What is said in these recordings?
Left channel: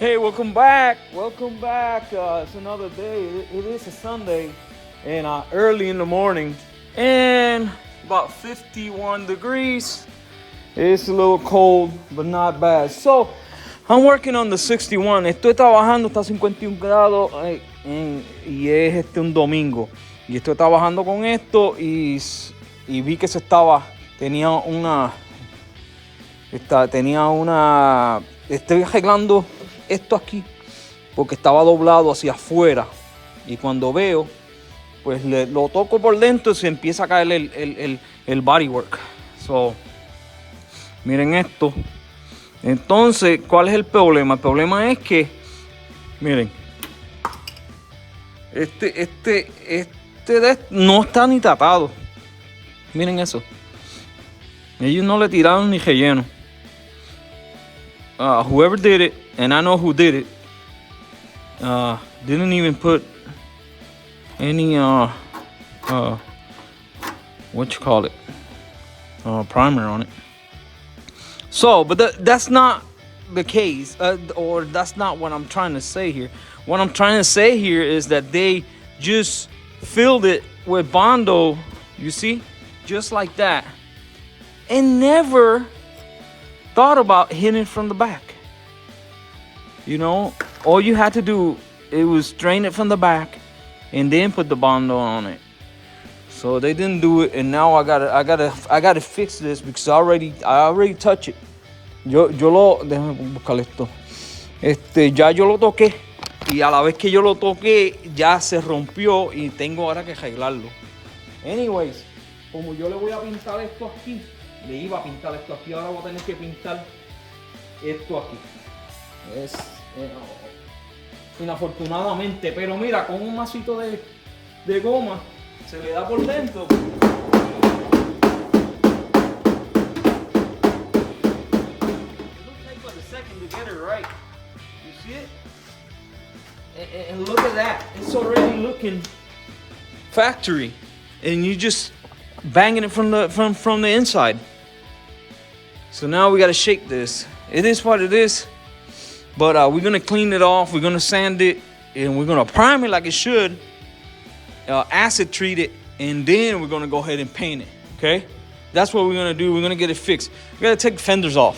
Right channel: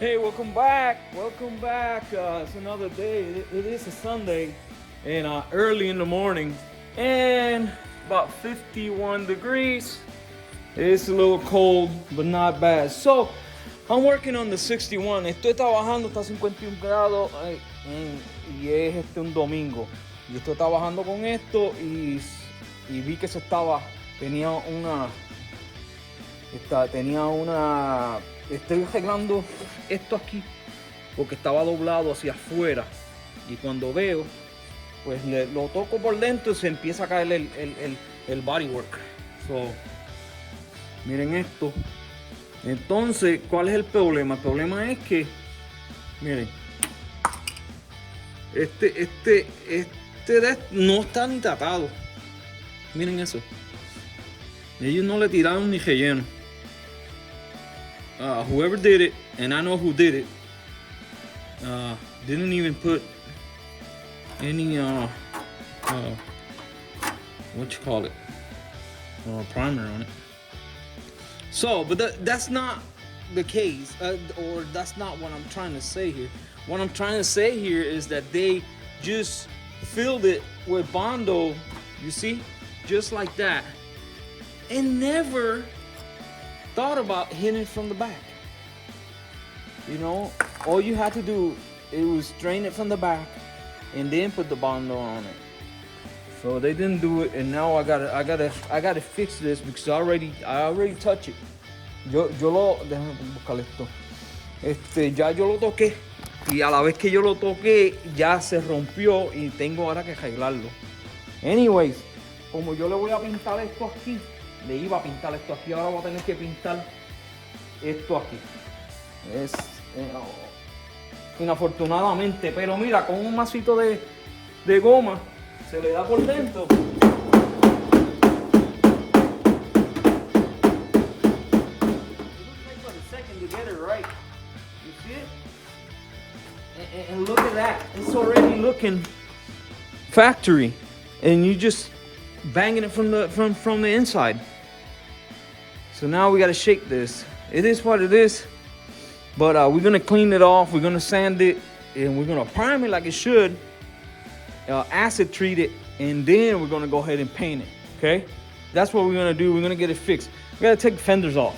Hey, welcome back. Welcome back. It's another day. It is a Sunday, and early in the morning, and about 51 degrees. It's a little cold, but not bad. So, I'm working on the 61. Estoy trabajando, está a 51 grados y es un domingo. Y estoy trabajando con esto y vi que estoy arreglando esto aquí porque estaba doblado hacia afuera y cuando veo pues lo toco por dentro y se empieza a caer el bodywork. So, miren esto. Entonces, ¿cuál es el problema? El problema es que, miren, este no está ni tratado. Miren eso. Ellos no le tiraron ni relleno. Whoever did it, and I know who did it, didn't even put any primer on it. So, but that's not the case, or that's not what I'm trying to say here. What I'm trying to say here is that they just filled it with Bondo, you see, just like that, and never thought about hitting it from the back. You know, all you had to do, it was drain it from the back and then put the Bondo on it. So they didn't do it, and now I gotta fix this because I already touched it. Déjame buscar esto. Ya yo lo toqué y a la vez que yo lo toqué ya se rompió y tengo ahora que arreglarlo. Anyways, como yo le voy a pintar esto aquí, le iba a pintar esto aquí, ahora voy a tener que pintar esto aquí. Es inafortunadamente, pero mira, con un masito de goma se le da por dentro. It looks like for a second to get it right. You see it? And look at that. It's already looking factory. And you just banging it from the inside. So now we gotta shake this. It is what it is. But we're gonna clean it off, we're gonna sand it, and we're gonna prime it like it should, acid treat it, and then we're gonna go ahead and paint it, okay? That's what we're gonna do. We're gonna get it fixed. We gotta take the fenders off.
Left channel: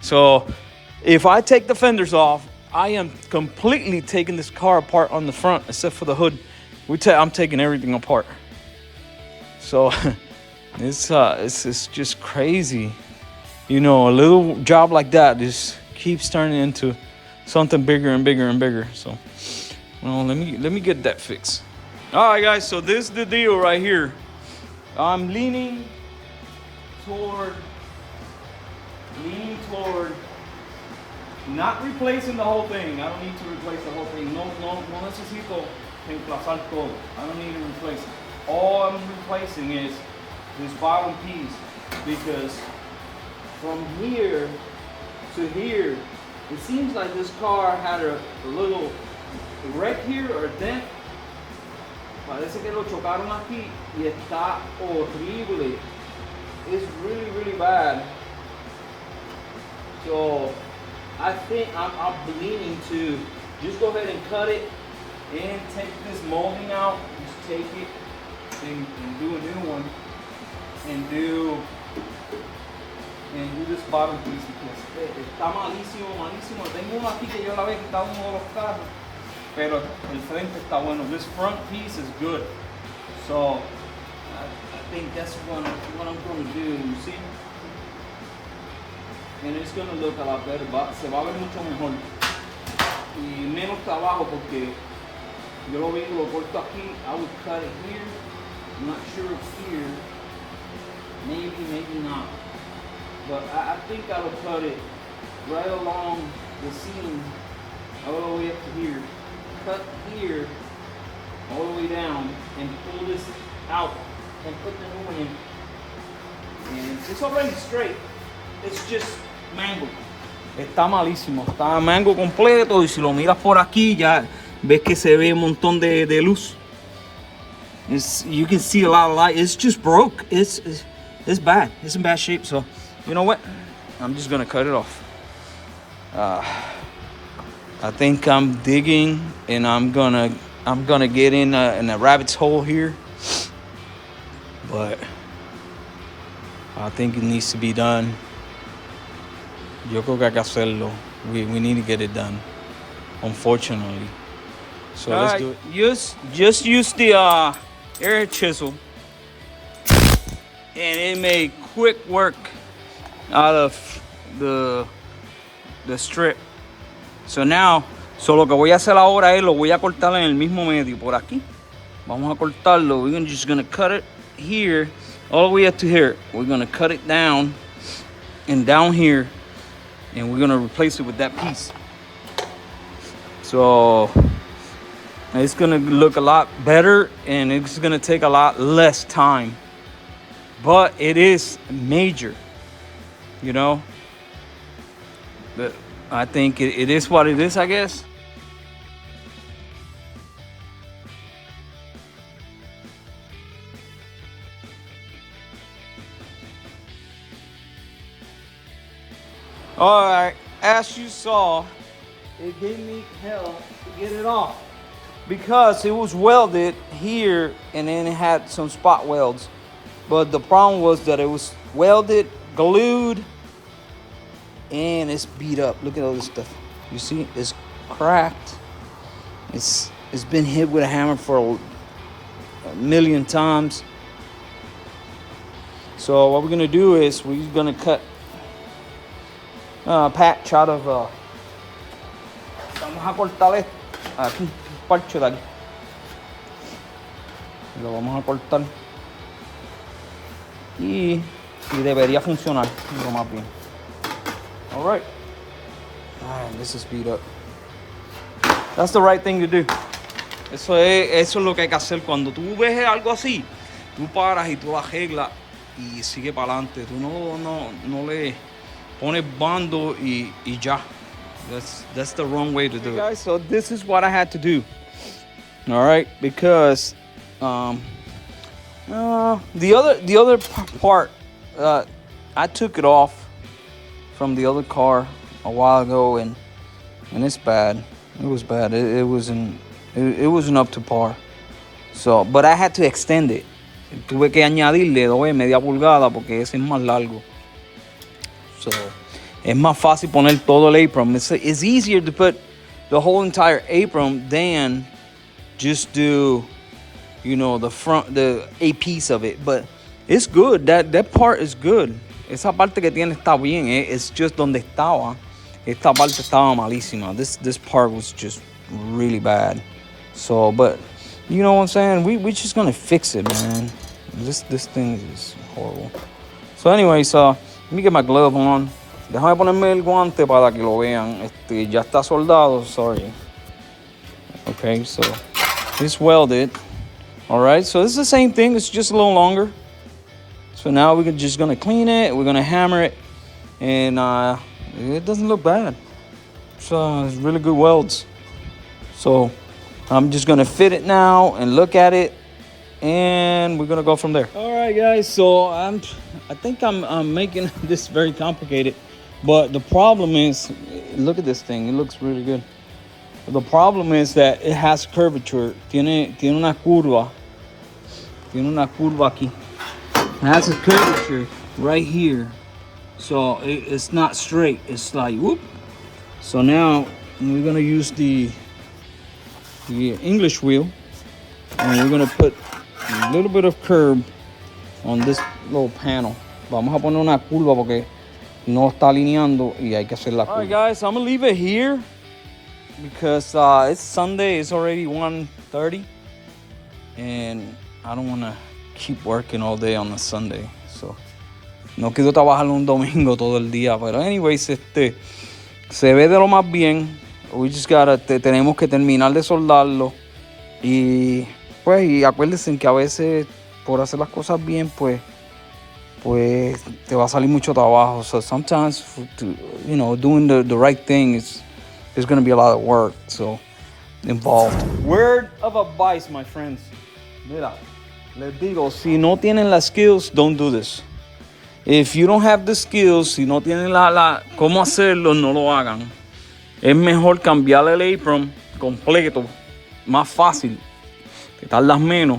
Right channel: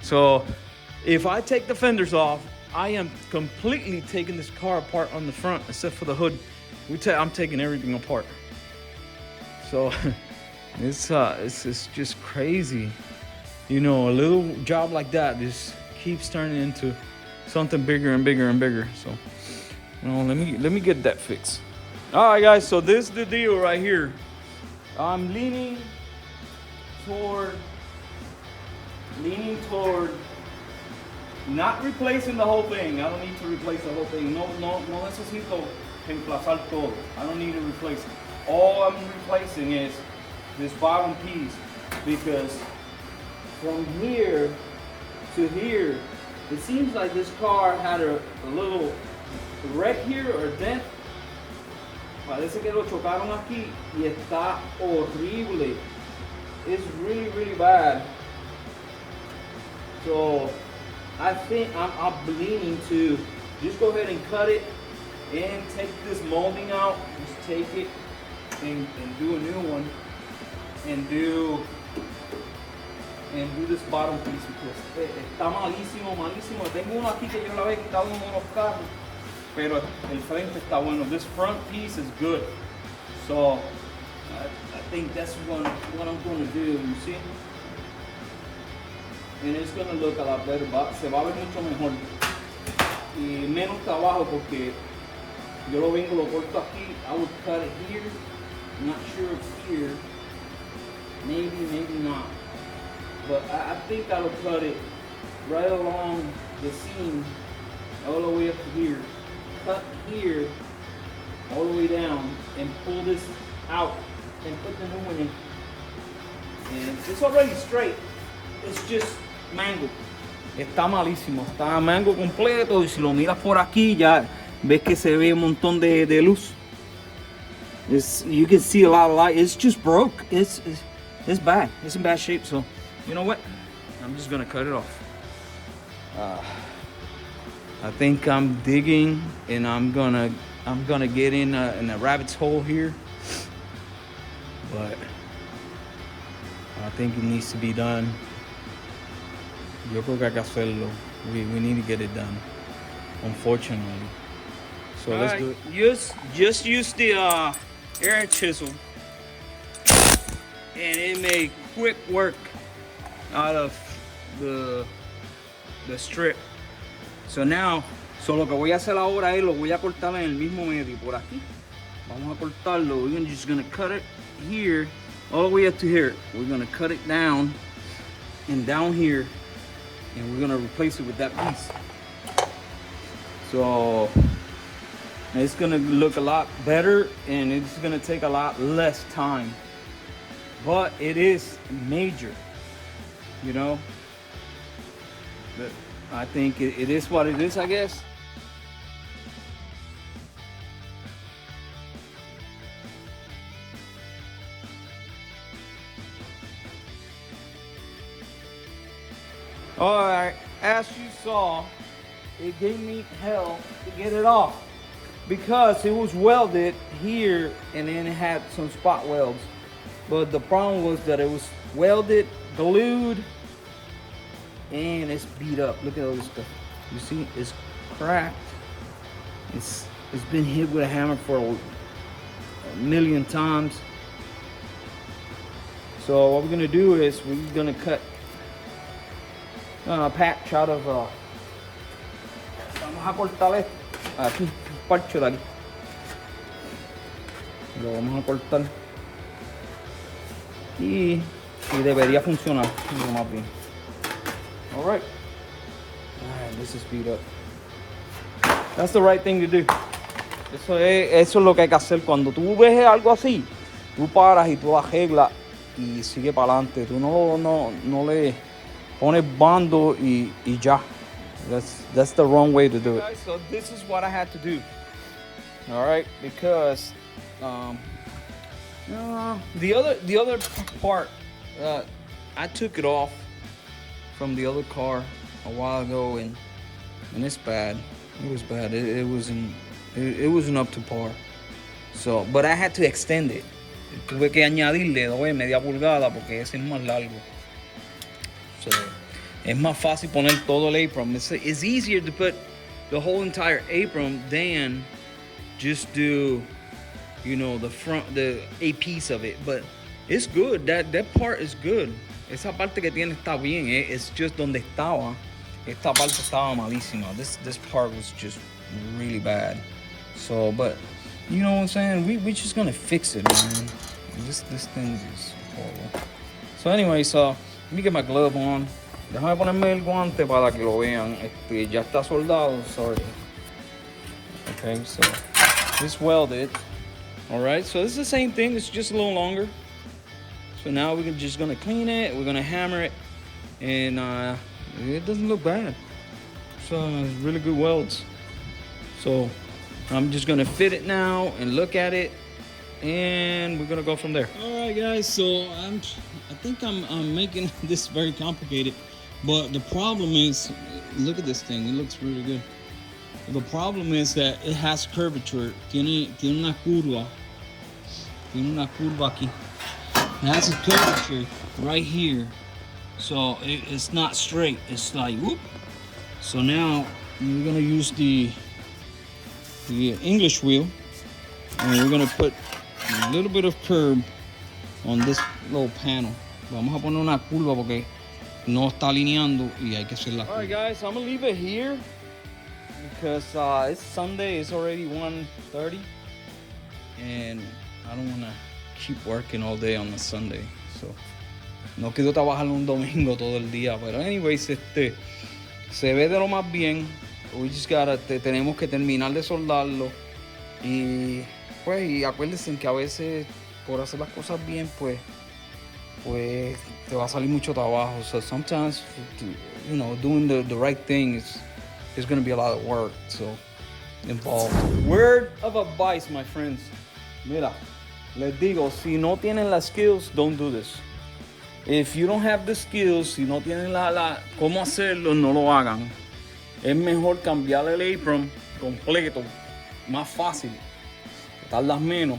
So if I take the fenders off, I am completely taking this car apart on the front, except for the hood. I'm taking everything apart. So it's just crazy. You know, a little job like that just keeps turning into something bigger and bigger and bigger. So, well, let me get that fixed. All right, guys. So this is the deal right here. I'm leaning toward not replacing the whole thing. I don't need to replace the whole thing. No necesito reemplazar todo. I don't need to replace it. All I'm replacing is this bottom piece, because from here to here, it seems like this car had a little wreck here or a dent. Parece que lo chocaron aquí y está horrible. It's really, really bad. So I think I'm leaning to just go ahead and cut it and take this molding out. Just take it and do a new one and do this bottom piece, because está malísimo. Tengo uno aquí que yo la había quitado en uno de los carros, pero el frente está bueno. This front piece is good. So I think that's what I'm going to do, you see? And it's going to look a lot better. Se va a ver mucho mejor y menos trabajo, porque yo lo vengo, lo corto aquí. I would cut it here. I'm not sure if here. Maybe not. But I think I'll cut it right along the seam all the way up to here. Cut here all the way down and pull this out and put the new one in. And it's already straight. It's just mango. Está malísimo. Está mango completo, y si lo miras por aquí ya ves que se ve un montón de luz. You can see a lot of light. It's just broke. It's bad. It's in bad shape. So, you know what? I'm just gonna cut it off. I think I'm digging, and I'm gonna get in a rabbit's hole here, but I think it needs to be done. Yo creo que hay que hacerlo. We need to get it done, unfortunately. So let's do it. Just use the air chisel, and it made quick work out of the strip. So now, lo que voy a hacer ahora es lo voy a cortar en el mismo medio por aquí. Vamos a cortarlo. We're just gonna cut it here all the way up to here. We're gonna cut it down and down here, and we're gonna replace it with that piece. So it's gonna look a lot better, and it's gonna take a lot less time, but it is major, you know. But I think it is what it is, I guess. All right, as you saw, it gave me hell to get it off because it was welded here and then it had some spot welds. But the problem was that it was welded, glued, and it's beat up. Look at all this stuff. You see, it's cracked. It's been hit with a hammer for a million times. So what we're gonna do is we're gonna cut patch out of vamos a cortar esto aquí, un parche de aquí, lo vamos a cortar y debería funcionar lo más bien. All right, this is beat up. That's the right thing to do. Eso es lo que hay que hacer cuando tú ves algo así. Tú paras y tú lo arreglas y sigue para adelante. Tú no le pones bando y ya. That's the wrong way to do it. Guys, so this is what I had to do. All right, because the other part, I took it off from the other car a while ago, and it's bad. It was bad. It wasn't up to par. So, but I had to extend it. Tuve que añadirle 2,5 pulgadas porque ese es más largo. So, es más fácil poner todo el apron. It's easier to put the whole entire apron than just do, you know, a piece of it. But it's good. That part is good. Esa parte que tiene está bien. It's just donde estaba. Esta parte estaba malísima. This part was just really bad. So, but you know what I'm saying? We're just gonna fix it, man. This thing is horrible. So anyway, let me get my glove on. Déjame ponerme el guante para que lo vean. Ya está soldado, sorry. Okay, so it's welded. All right, so this is the same thing. It's just a little longer. So now we're just gonna clean it. We're gonna hammer it, and it doesn't look bad. It's really good welds. So I'm just gonna fit it now and look at it, and we're gonna go from there. All right, guys. So I think I'm making this very complicated, but the problem is, look at this thing. It looks really good. The problem is that it has curvature. Tiene una curva. Tiene una curva aquí. It has a curvature right here, so it's not straight. It's like whoop. So now we're gonna use the English wheel, and we're gonna put a little bit of curb on this little panel. Vamos a poner una curva porque no está alineando y hay que hacer la curva. All right, guys, I'm gonna leave it here because it's Sunday. It's already 1:30, and I don't wanna keep working all day on a Sunday. So no quiero trabajar un domingo todo el día, pero anyways, se ve de lo más bien. We just tenemos que terminar de soldarlo y acuérdense que a veces por hacer las cosas bien pues te va a salir mucho trabajo. So sometimes doing the right thing there's going to be a lot of work involved. Word of advice, my friends. Mira, les digo, si no tienen las skills, don't do this. If you don't have the skills, si no tienen cómo hacerlo, no lo hagan. Es mejor cambiar el apron completo, más fácil, que tardas menos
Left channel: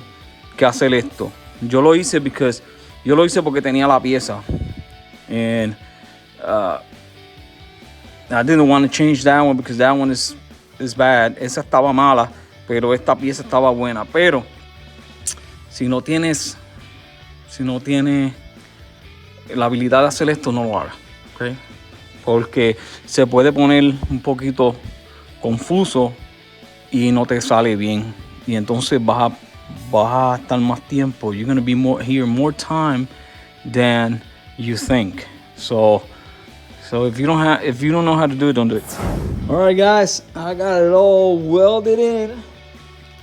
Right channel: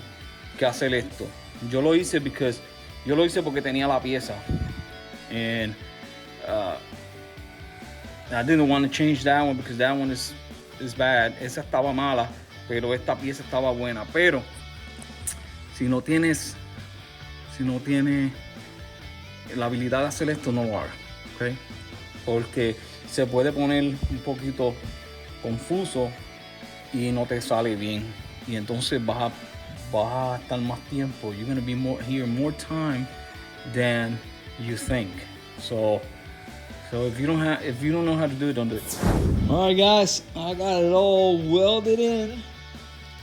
que hacer esto. Yo lo hice porque tenía la pieza. And I didn't want to change that one because that one is bad. Esa estaba mala, pero esta pieza estaba buena. Pero si no tienes la habilidad de hacer esto, no lo hagas, ¿okay? Porque se puede poner un poquito confuso y no te sale bien. Y entonces vas a estar más tiempo. You're going to be more time than you think. So if you don't know how to do it, don't do it. All right, guys, I got it all welded in,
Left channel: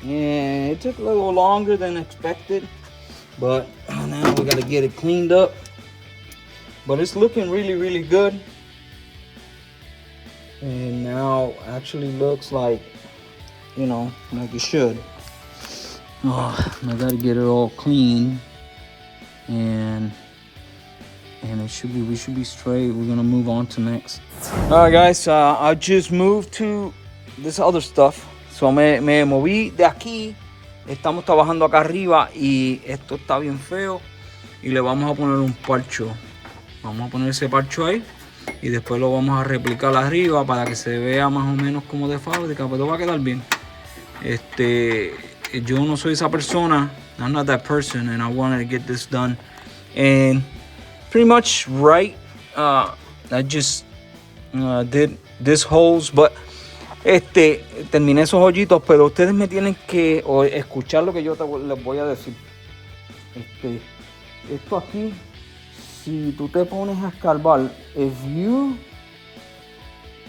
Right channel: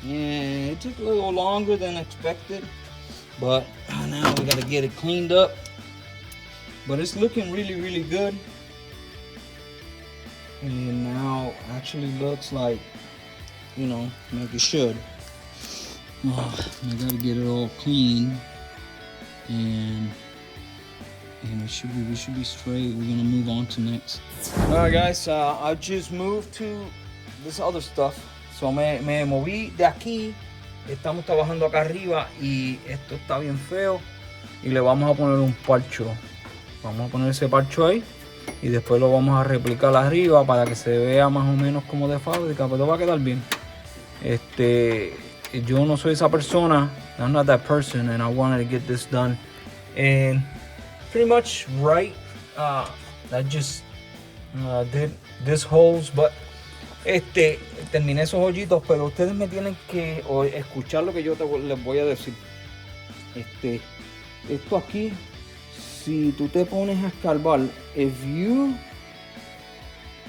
and it took a little longer than expected, but now we got to get it cleaned up. But it's looking really, really good. And now actually looks like, you know, like it should. Oh, I gotta get it all clean, and we should be straight. We're gonna move on to next. All right, guys, I just moved to this other stuff. So me moví de aquí. Estamos trabajando acá arriba y esto está bien feo. Y le vamos a poner un parcho. Vamos a poner ese parcho ahí. Y después lo vamos a replicar arriba para que se vea más o menos como de fábrica, pero va a quedar bien. Yo no soy esa persona. I'm not that person, and I wanted to get this done. And pretty much right. I just did this holes, but terminé esos hoyitos, pero ustedes me tienen que escuchar lo que yo les voy a decir. Esto aquí, si tú te pones a escarbar, and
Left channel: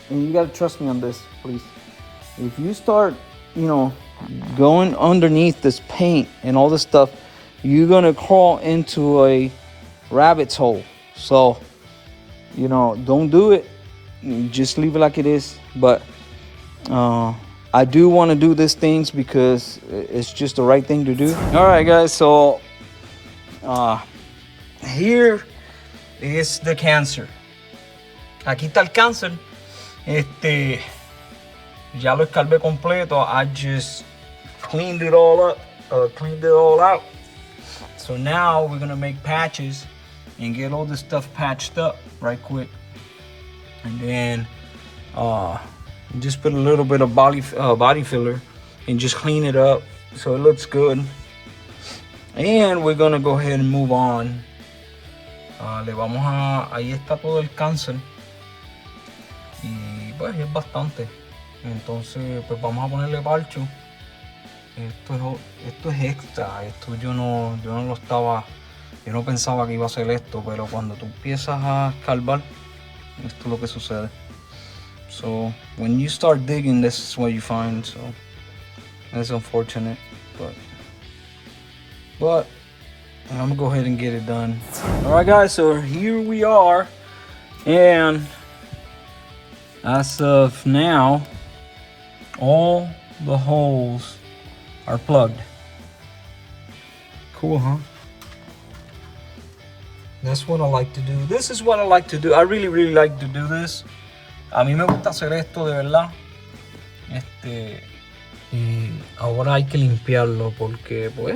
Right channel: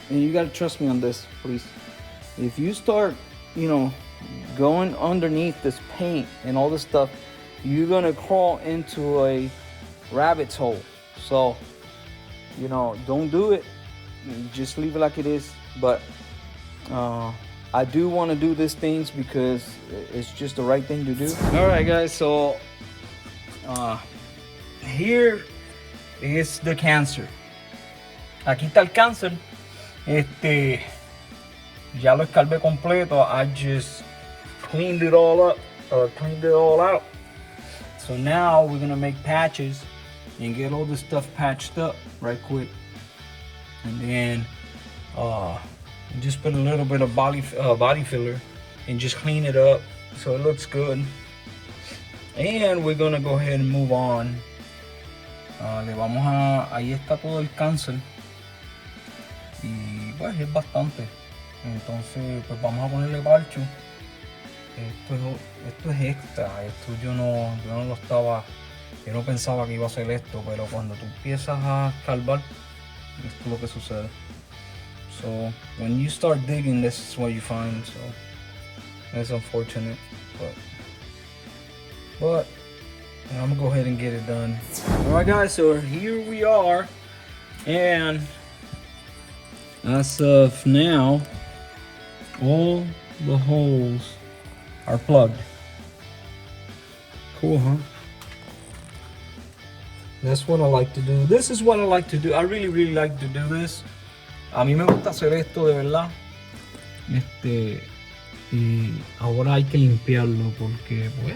you gotta trust me on this, please. If you start, you know, going underneath this paint and all this stuff, you're gonna crawl into a rabbit's hole. So, you know, don't do it. Just leave it like it is. But I do want to do these things because it's just the right thing to do. All right, guys. So here is the cancer. Aquí está el cáncer. Ya lo escarbé completo. I just cleaned it all up, cleaned it all out. So now we're gonna make patches and get all this stuff patched up right quick. And then just put a little bit of body filler and just clean it up so it looks good. And we're gonna go ahead and move on. Ahí está todo el cáncer. Y pues es bastante. Entonces pues vamos a ponerle parcho. Esto es extra. Esto yo no pensaba que iba a hacer esto, pero cuando tú empiezas a escarbar, esto es lo que sucede. So when you start digging, this is what you find. So that's unfortunate, but I'm gonna go ahead and get it done. All right, guys, so here we are, and as of now, all the holes are plugged. Cool, huh? That's what I like to do. This is what I like to do. I really, really like to do this. A mí me gusta hacer esto de verdad. Y ahora hay que limpiarlo porque pues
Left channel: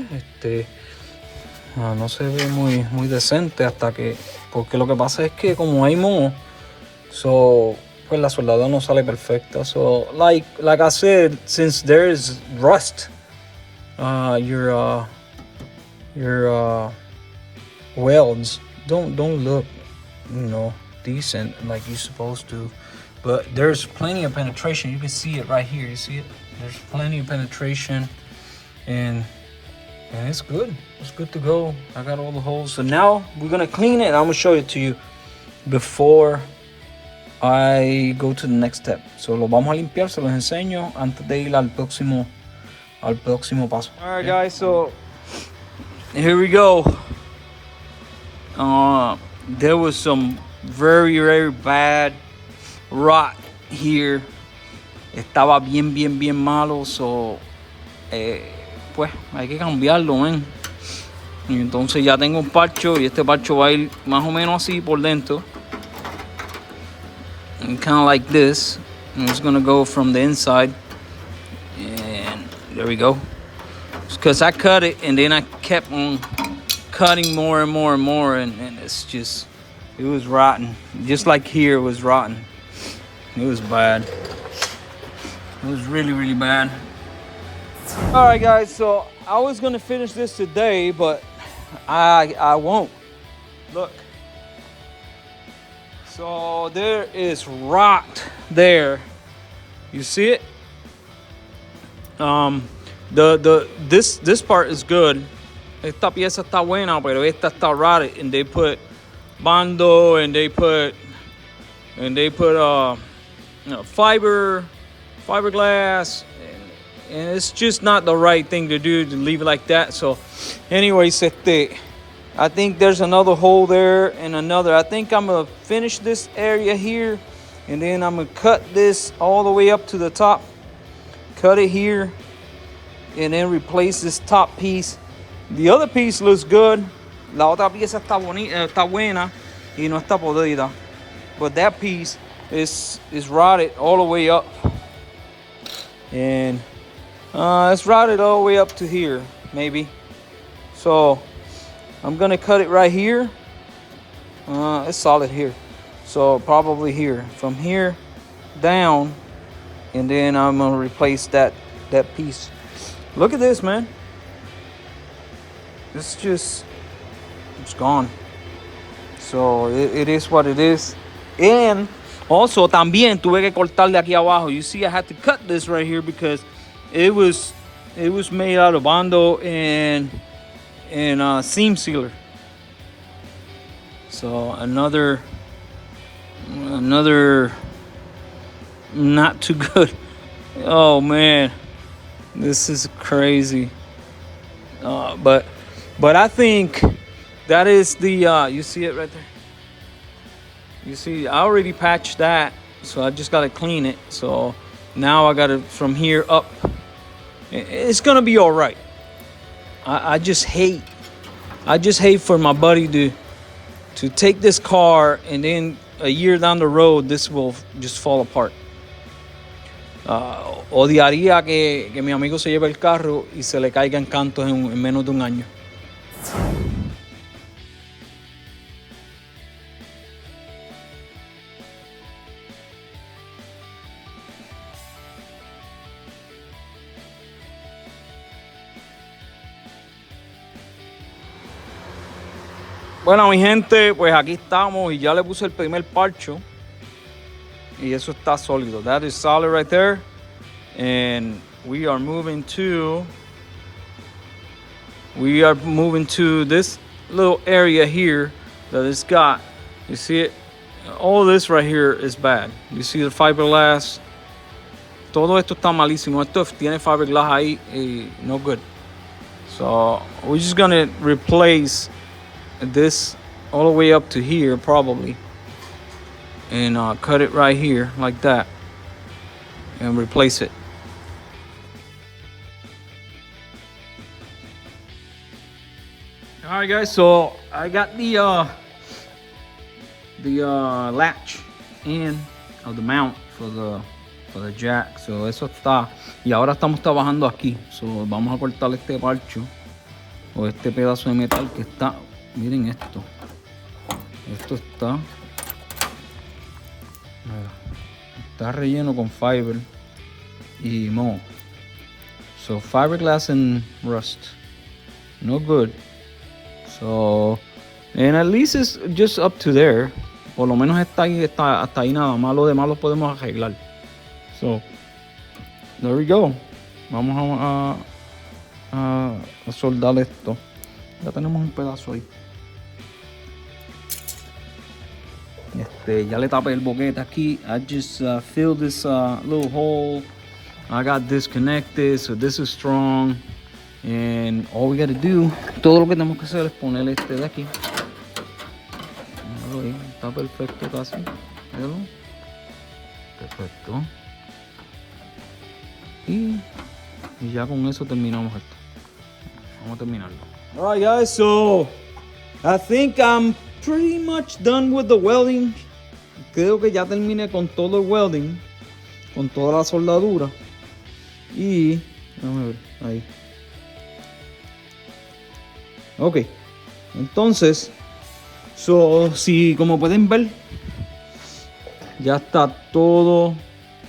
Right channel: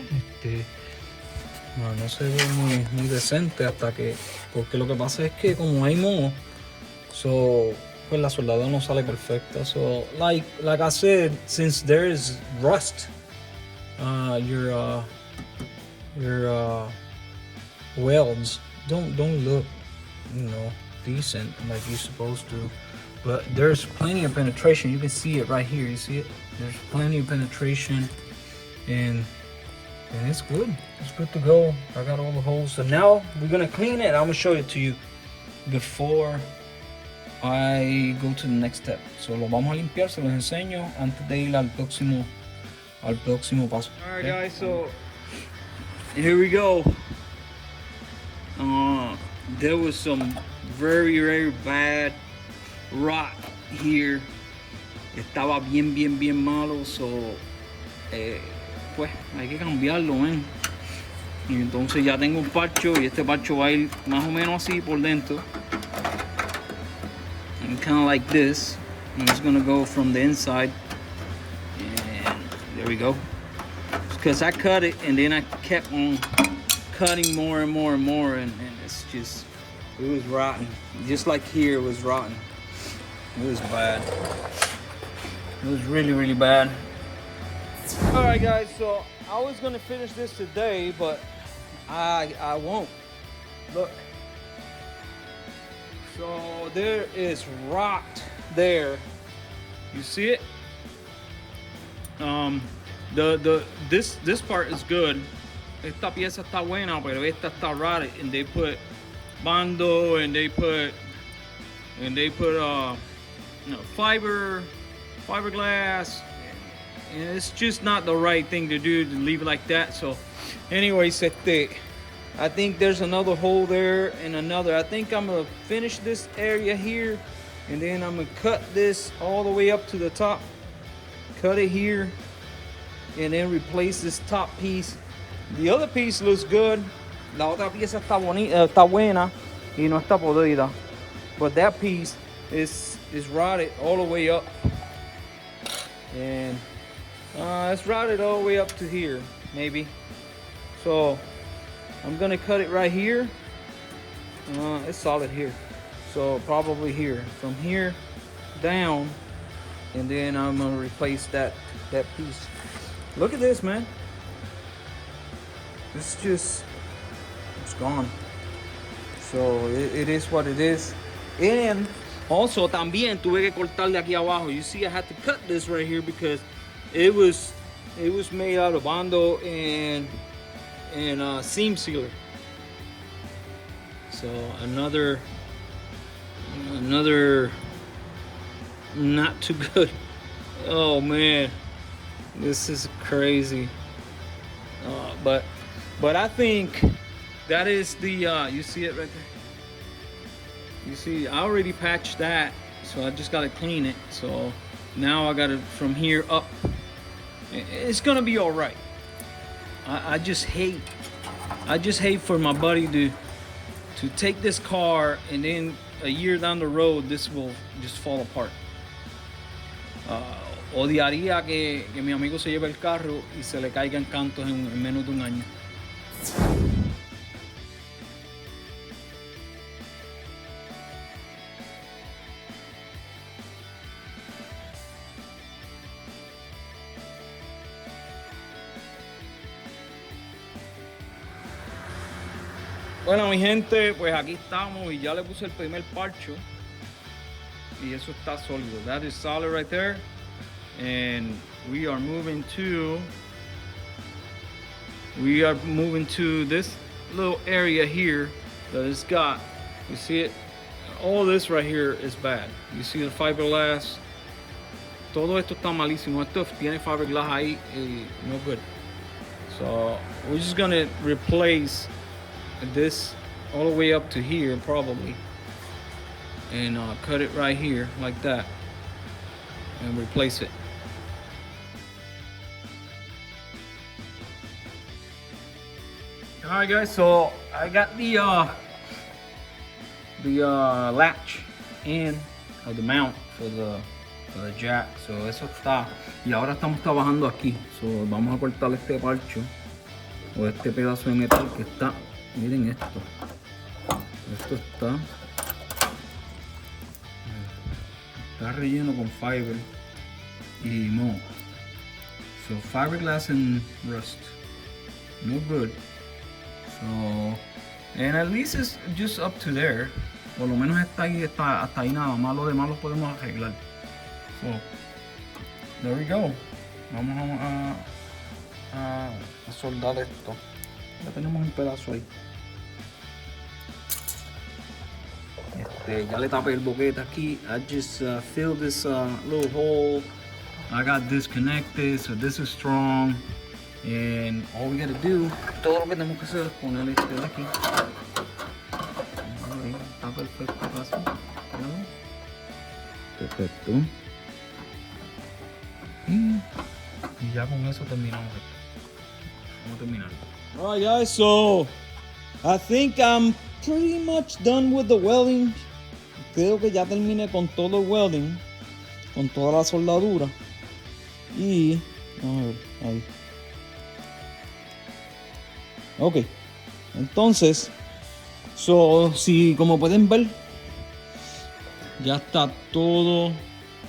no se ve muy decente porque lo que pasa es que como hay moho, pues la soldadura no sale perfecta. So like I said, since there is rust, your welds don't look, you know, decent like you're supposed to. But there's plenty of penetration. You can see it right here. You see it? There's plenty of penetration, and it's good. It's good to go. I got all the holes. So now we're gonna clean it. I'm gonna show it to you before I go to the next step. So lo vamos a limpiar. Se los enseño antes de ir al próximo paso. All right, guys. So here we go. There was some very, very bad rot here. Estaba bien malo. So pues hay que cambiarlo, man. Y entonces ya tengo un parcho, y este parcho va a ir más o menos así por dentro, and kind of like this. And it's gonna go from the inside. And there we go. Because I cut it and then I kept on cutting more and more and more, and it's just, it was rotten. Just like here, it was rotten. It was bad. It was really, really bad. All right, guys, so I was gonna finish this today, but I won't. Look. So there is rot there. You see it? This part is good. Esta pieza está buena, pero esta está rotted, and they put bando, and they put you know, fiberglass, and it's just not the right thing to do, to leave it like that. So anyways, I think there's another hole there and another. I think I'm gonna finish this area here, and then I'm gonna cut this all the way up to the top, cut it here, and then replace this top piece. The other piece looks good. La otra pieza está bonita, está buena y no está podrida. But that piece is rotted all the way up, and it's rotted all the way up to here, maybe. So I'm gonna cut it right here. It's solid here, so probably here, from here down, and then I'm gonna replace that piece. Look at this, man. It's gone. So it is what it is. And also también tuve que cortarle aquí abajo. You see, I had to cut this right here because it was made out of bando and seam sealer. So another not too good. Oh man, this is crazy. But I think that is the you see it right there. You see, I already patched that, so I just gotta clean it. So now I gotta from here up. It's gonna be all right. I just hate for my buddy to take this car, and then a year down the road this will just fall apart. Odiaría que mi amigo se lleve el carro y se le caiga en cantos en menos de un año. Bueno, mi gente, pues aquí estamos y ya le puse el primer parcho y eso está sólido. That is solid right there, and we are moving to this little area here that it's got. You see it? All this right here is bad. You see the fiberglass. Todo esto está malísimo. Esto tiene fiberglass ahí y no good. So we're just gonna replace this all the way up to here probably, and cut it right here like that and replace it. All right, guys, so I got the latch in of the mount for the jack. So eso está, y ahora estamos trabajando aquí. So vamos a cortar este parcho o este pedazo de metal que está. Miren esto. Esto está relleno con fiber y moho. So fiberglass and rust. No good. So, and at least it's just up to there. Por lo menos está ahí, hasta ahí nada más. Lo demás lo podemos arreglar. So, there we go. Vamos a soldar esto. Ya tenemos un pedazo ahí. Ya le tapé el boquete aquí. I just filled this little hole. I got disconnected, so this is strong. And all we got to do, todo lo que tenemos que hacer es poner este de aquí. Está perfecto casi. Perfecto. Y ya con eso terminamos esto. Vamos a terminarlo. Alright guys, so I think I'm pretty much done with the welding. Creo que ya terminé con todo el welding. con toda la soldadura. Y vamos a ver ahí. Ok, entonces, si como pueden ver, ya está todo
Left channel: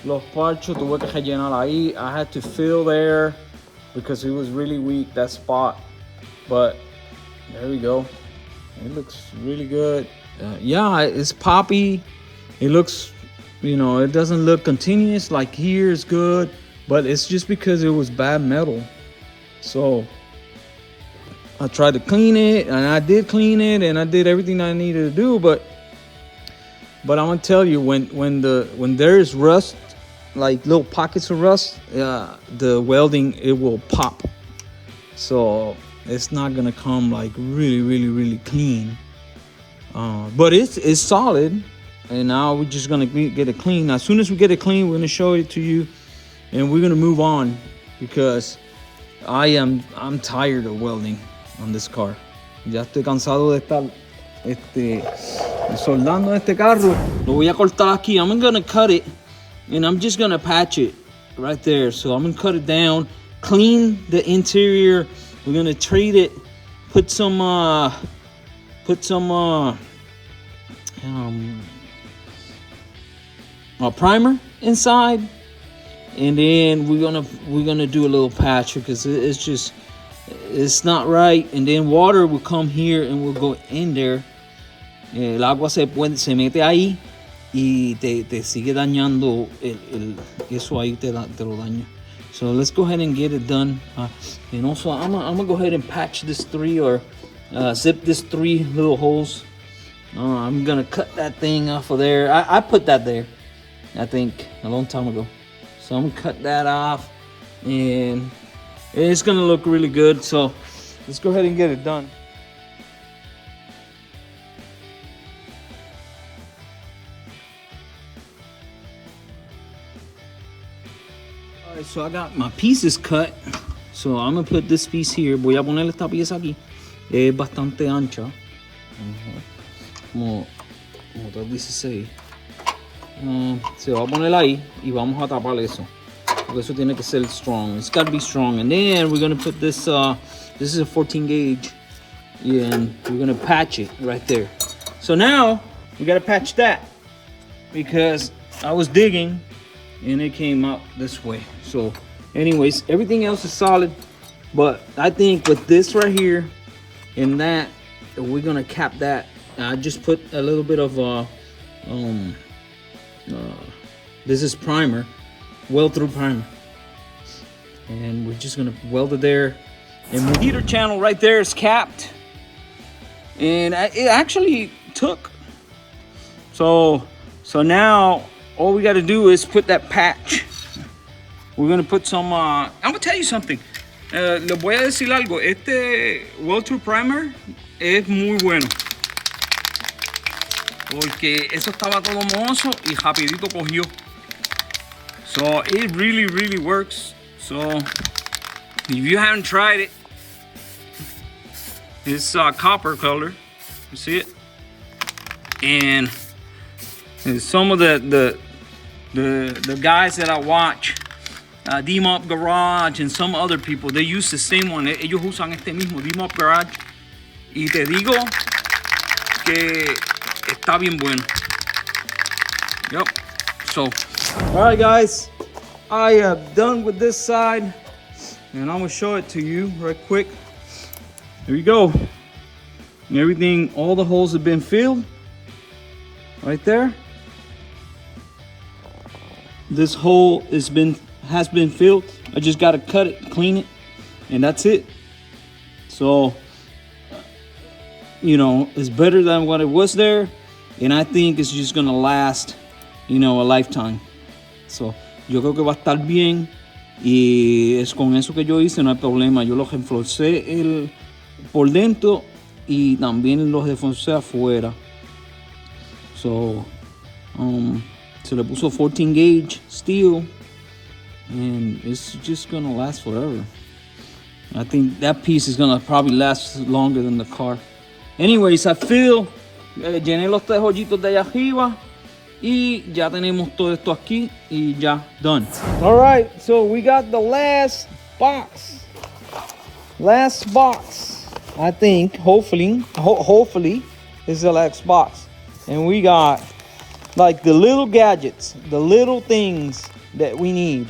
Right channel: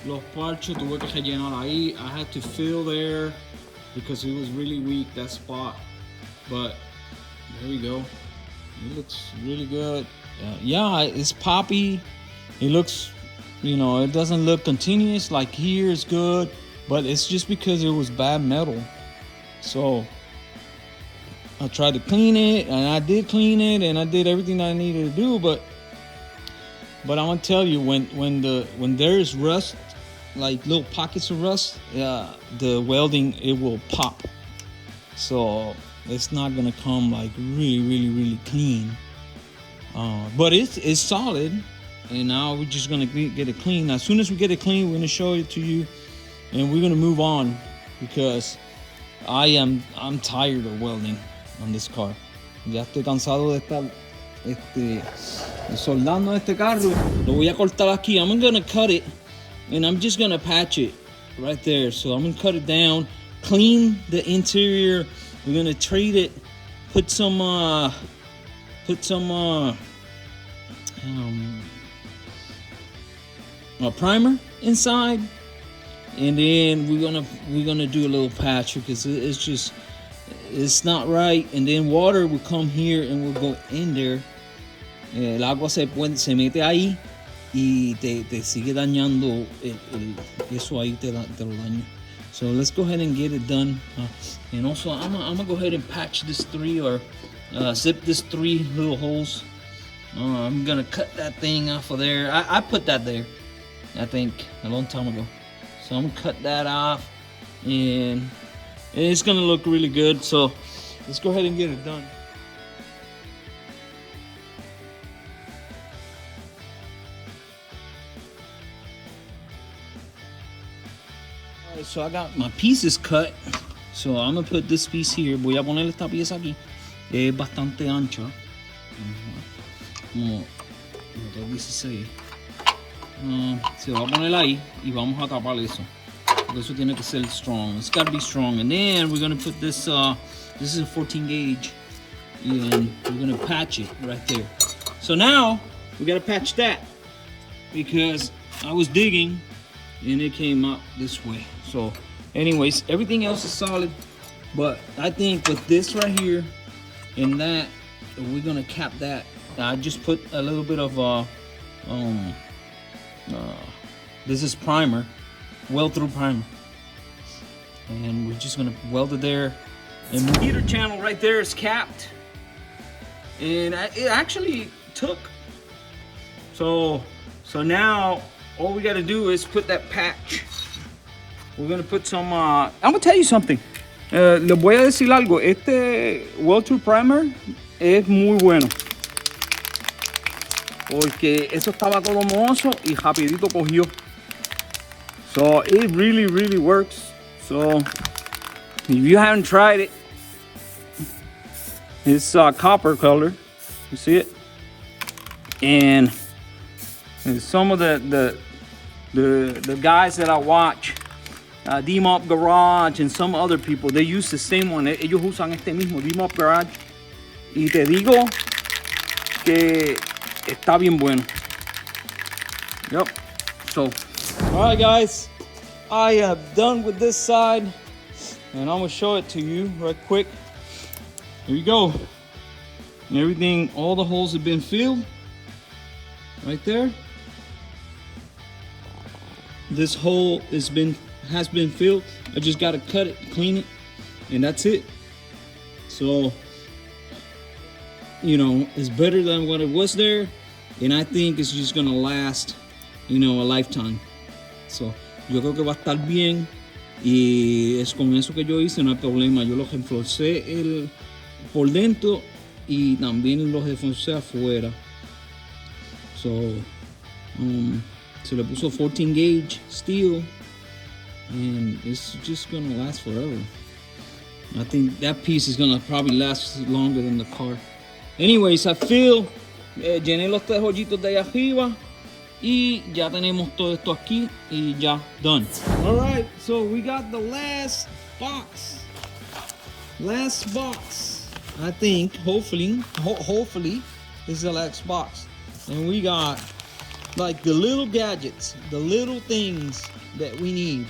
los parchos. Tuve que rellenar ahí. I had to fill there because it was really weak, that spot. But there we go. It looks really good. Yeah, it's poppy. It looks, you know, it doesn't look continuous. Like here is good, but it's just because it was bad metal. So I tried to clean it, and I did clean it, and I did everything I needed to do. But I'm gonna tell you, when there's rust, like little pockets of rust, the welding, it will pop. So it's not gonna come like really clean. But it's solid, and now we're just gonna get it clean. As soon as we get it clean, we're gonna show it to you, and we're gonna move on because I'm tired of welding on this car. Ya estoy cansado de estar soldando este carro. Lo voy a cortar aquí. I'm gonna cut it, and I'm just gonna patch it right there. So I'm gonna cut it down, clean the interior. We're gonna treat it, put some primer inside, and then we're gonna do a little patch because it's not right. And then water will come here and will go in there. El agua se mete ahí y te sigue dañando eso ahí te lo daña. So let's go ahead and get it done. And also I'm gonna go ahead and patch this zip this 3 little holes. I'm gonna cut that thing off of there. I put that there, I think, a long time ago. So I'm gonna cut that off, and it's gonna look really good. So let's go ahead and get it done. Alright, so I got my pieces cut. So I'm gonna put this piece here. Voy a poner esta pieza aquí. Es bastante ancha. Como te dice así. Se va a poner ahí y vamos a tapar eso. Porque eso tiene que ser strong. It's got to be strong. And then we're gonna put this. This is a 14 gauge, and we're gonna patch it right there. So now we gotta patch that because I was digging and it came up this way. So, anyways, everything else is solid, but I think with this right here and that, we're gonna cap that. I just put a little bit of this is primer, weld through primer, and we're just gonna weld it there. And the heater channel right there is capped, and it actually took. So now all we got to do is put that patch. We're gonna put some. I'm gonna tell you something. Les voy a decir algo. Este weld through primer es muy bueno, porque eso estaba todo mohoso y rapidito cogió. So it really works. So if you haven't tried it, it's copper color. You see it? And some of the guys that I watch, D-Mop Garage and some other people, they use the same one. Ellos usan este mismo D-Mop Garage. Y te digo que está bien bueno. Yep. So, all right, guys, I am done with this side, and I'm gonna show it to you right quick. There you go. And everything, all the holes have been filled right there. This hole has been filled. I just gotta cut it, clean it, and that's it. So, you know, it's better than what it was there, and I think it's just gonna last, you know, a lifetime. So, yo creo que va a estar bien, y es con eso que yo hice, no hay problema. Yo lo reforcé por dentro y también los reforcé afuera. So, se le puso 14 gauge steel, and it's just gonna last forever. I think that piece is gonna probably last longer than the car. Anyways, I feel, llené los 3 hoyitos de allá arriba, Y ya tenemos todo esto aquí y ya done. All right, so we got the last box. Last box, I think, hopefully is the last box. And we got like the little gadgets, the little things that we need.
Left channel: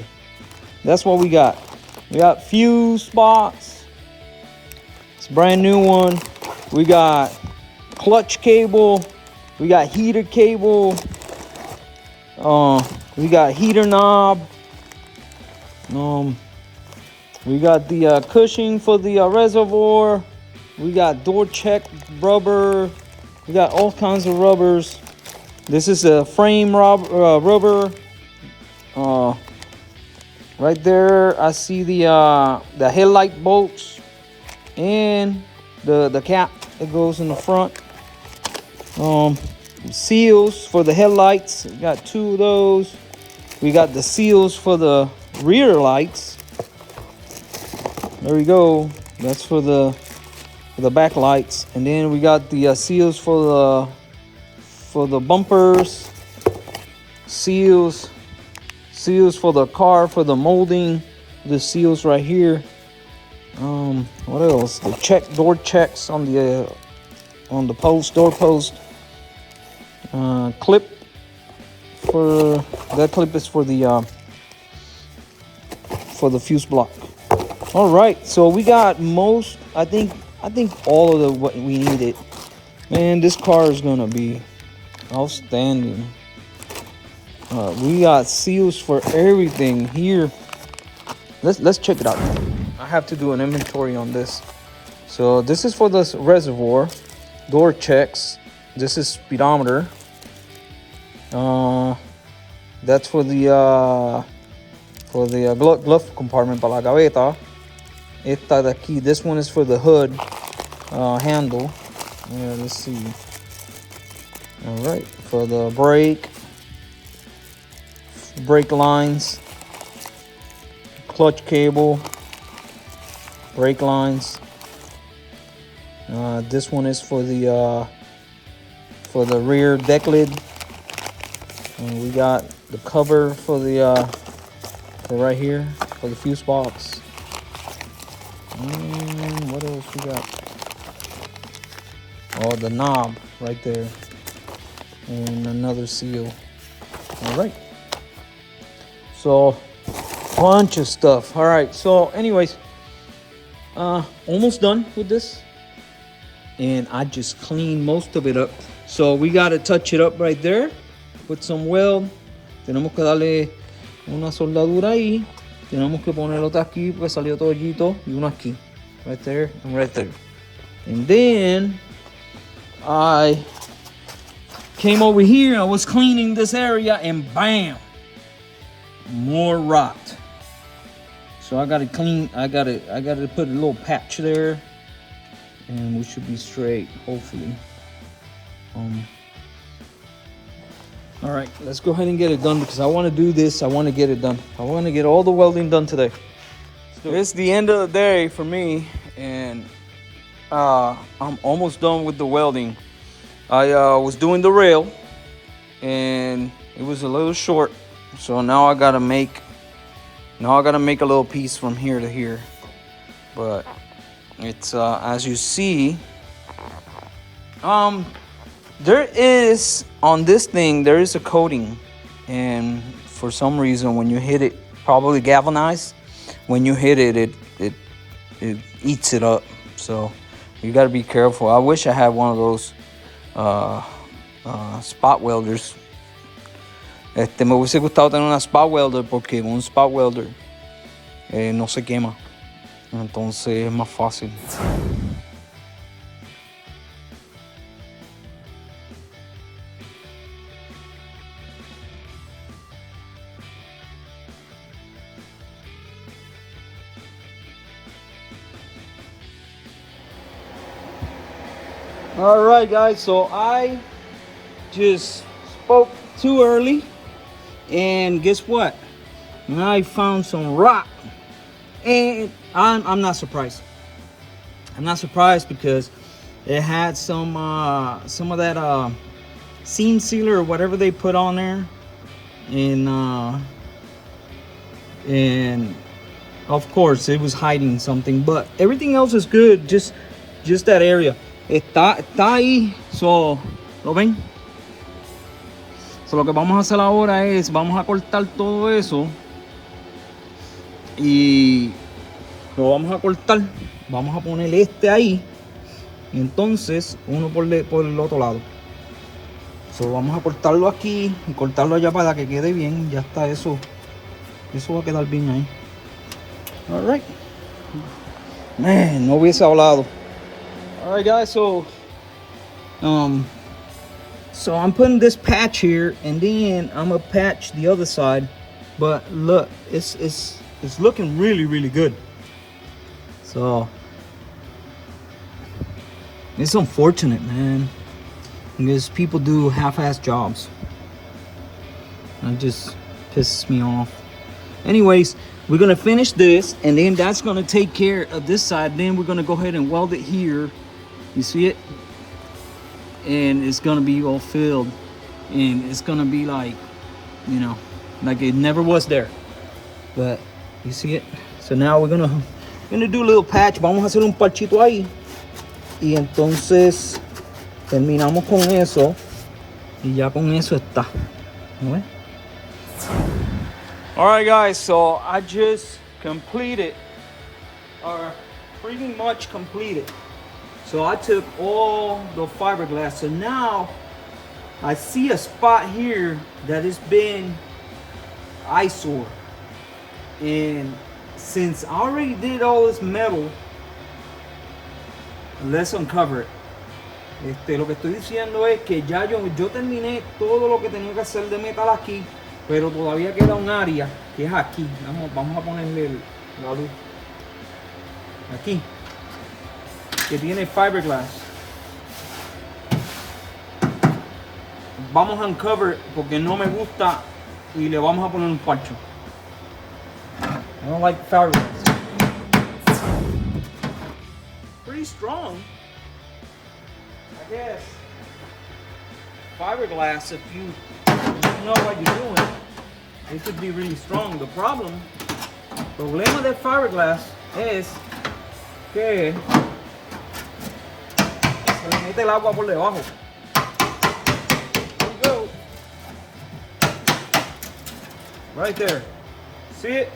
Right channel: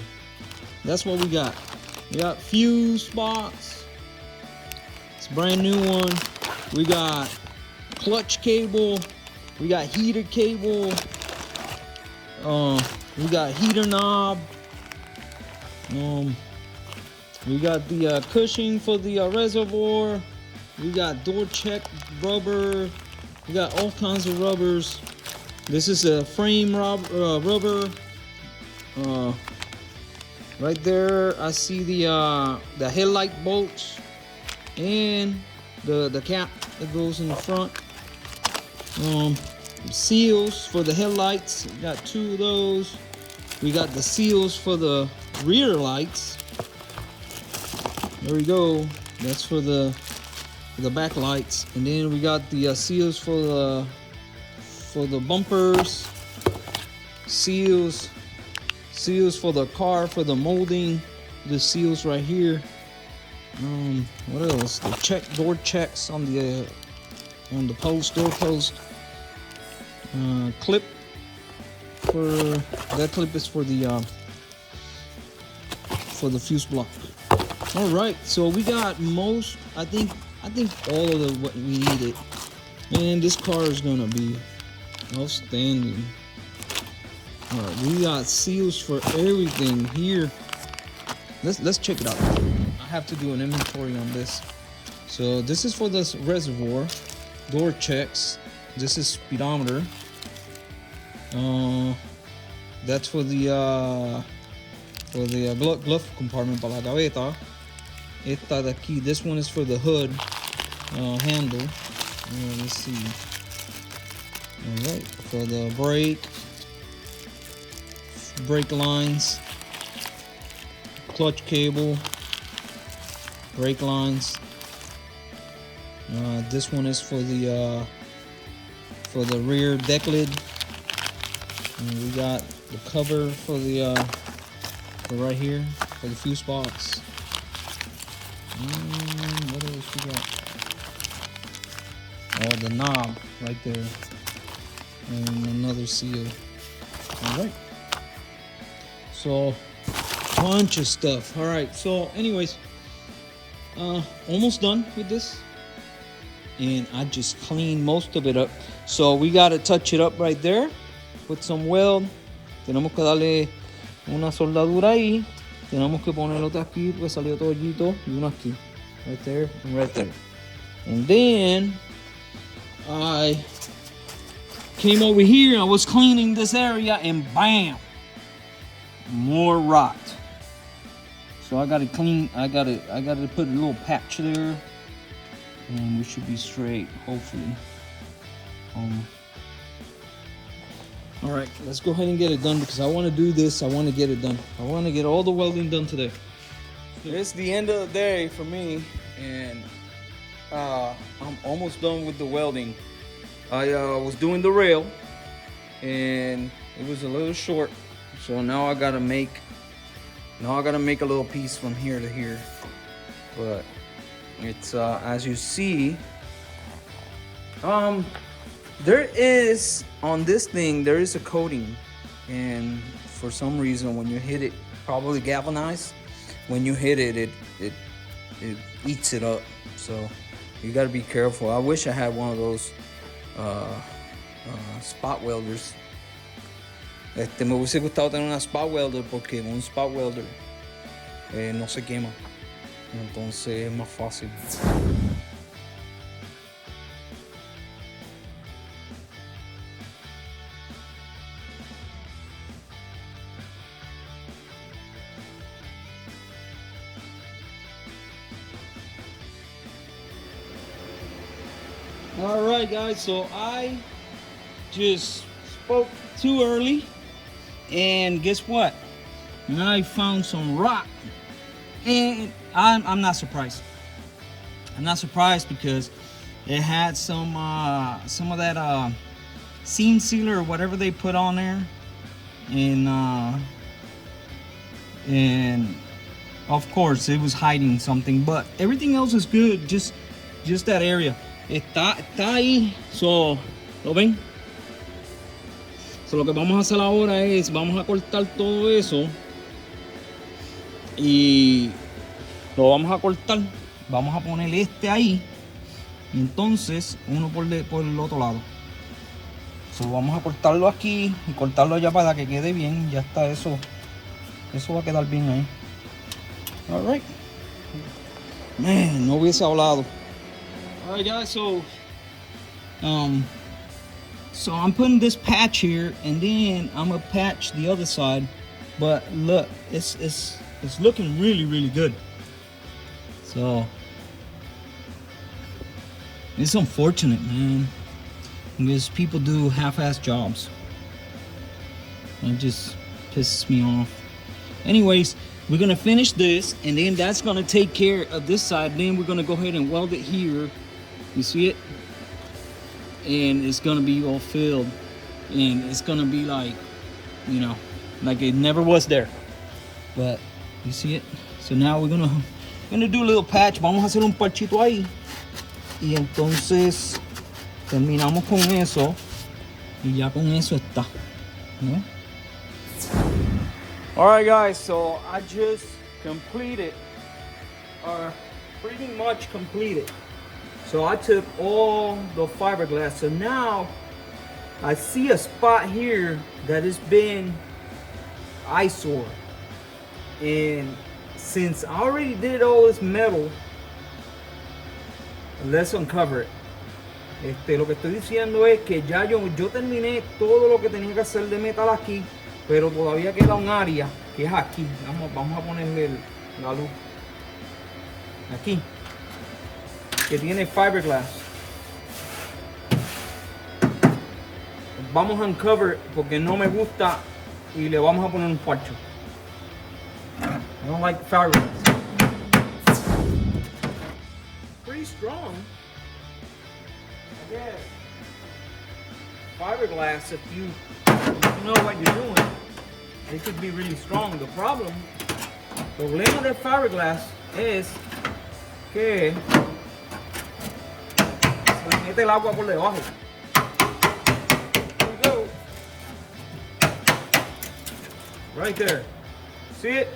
That's what we got. We got fuse box. It's a brand new one. We got clutch cable. We got heater cable. We got heater knob. We got the cushioning for the reservoir. We got door check rubber. We got all kinds of rubbers. This is a frame rubber. Right there, I see the headlight bolts and the cap that goes in the front. Seals for the headlights. We got 2 of those. We got the seals for the rear lights. There we go. That's for the back lights. And then we got the seals for the bumpers. Seals for the car, for the molding. The seals right here. What else? The door checks on the post, door post. Clip for that clip is for the fuse block. All right, so we got most. I think all of what we needed, and this car is gonna be outstanding. We got seals for everything here. Let's check it out. I have to do an inventory on this. So this is for the reservoir, door checks. This is speedometer. That's for the glove compartment para la gaveta. Esta de aquí, this one is for the hood handle. Let's see. All right, for the brake lines, clutch cable, brake lines. This one is for the rear deck lid. And we got the cover for the for right here for the fuse box. What else we got? Oh, the knob right there, and another seal. All right. So, bunch of stuff. All right. So, anyways, almost done with this, and I just cleaned most of it up. So we got to touch it up right there with some weld. Tenemos que darle una soldadura ahí. Tenemos que poner otra aquí porque salió todo hoyito y uno aquí, right there and right there. And then I came over here. I was cleaning this area, and bam, more rot. So I gotta clean. I gotta put a little patch there, and we should be straight, hopefully. All right, let's go ahead and get it done because I want to do this. I want to get it done. I want to get all the welding done today. So it's the end of the day for me, and I'm almost done with the welding. I was doing the rail, and it was a little short, so now I gotta make a little piece from here to here. But it's as you see, there is on this thing there is a coating, and for some reason when you hit it, probably galvanized, when you hit it, it eats it up. So you got to be careful. I wish I had one of those spot welders. Me hubiese gustado tener una spot welder porque un spot welder no se quema, entonces es más fácil. All right, guys, so I just spoke too early, and guess what? I found some rock, and I'm not surprised. I'm not surprised because it had some of that seam sealer or whatever they put on there, and of course it was hiding something, but everything else is good. Just that area está ahí. So, ¿lo ven? So, lo que vamos a hacer ahora es vamos a cortar todo eso y lo vamos a cortar. Vamos a poner este ahí y entonces uno por el otro lado. So, vamos a cortarlo aquí y cortarlo allá para que quede bien. Ya está eso. Eso va a quedar bien ahí. Alright. Man, no hubiese hablado. Alright guys, so I'm putting this patch here and then I'm gonna patch the other side. But look, it's looking really, really good. So it's unfortunate, man, because people do half-ass jobs. It just pisses me off. Anyways, we're gonna finish this and then that's gonna take care of this side. Then we're gonna go ahead and weld it here. You see it? And it's gonna be all filled and it's gonna be like, you know, like it never was there. But you see it? So now we're gonna do a little patch. Vamos a hacer un parchito ahí. Y entonces terminamos con eso. Y ya con eso está. ¿No? Alright guys, so I just completed, or pretty much completed. So I took all the fiberglass. So now I see a spot here that has been eyesore. And since I already did all this metal, let's uncover it. Lo que estoy diciendo es que ya yo terminé todo lo que tenía que hacer de metal aquí, pero todavía queda un área que es aquí. Vamos a ponerle la luz aquí, que tiene fiberglass. Vamos a uncover porque no me gusta y le vamos a poner un parcho. I don't like fiberglass. Pretty strong, I guess. Fiberglass, if you don't know what you're doing, it could be really strong. The problema del fiberglass es que se le mete el agua por debajo. There you go. Right there. See it?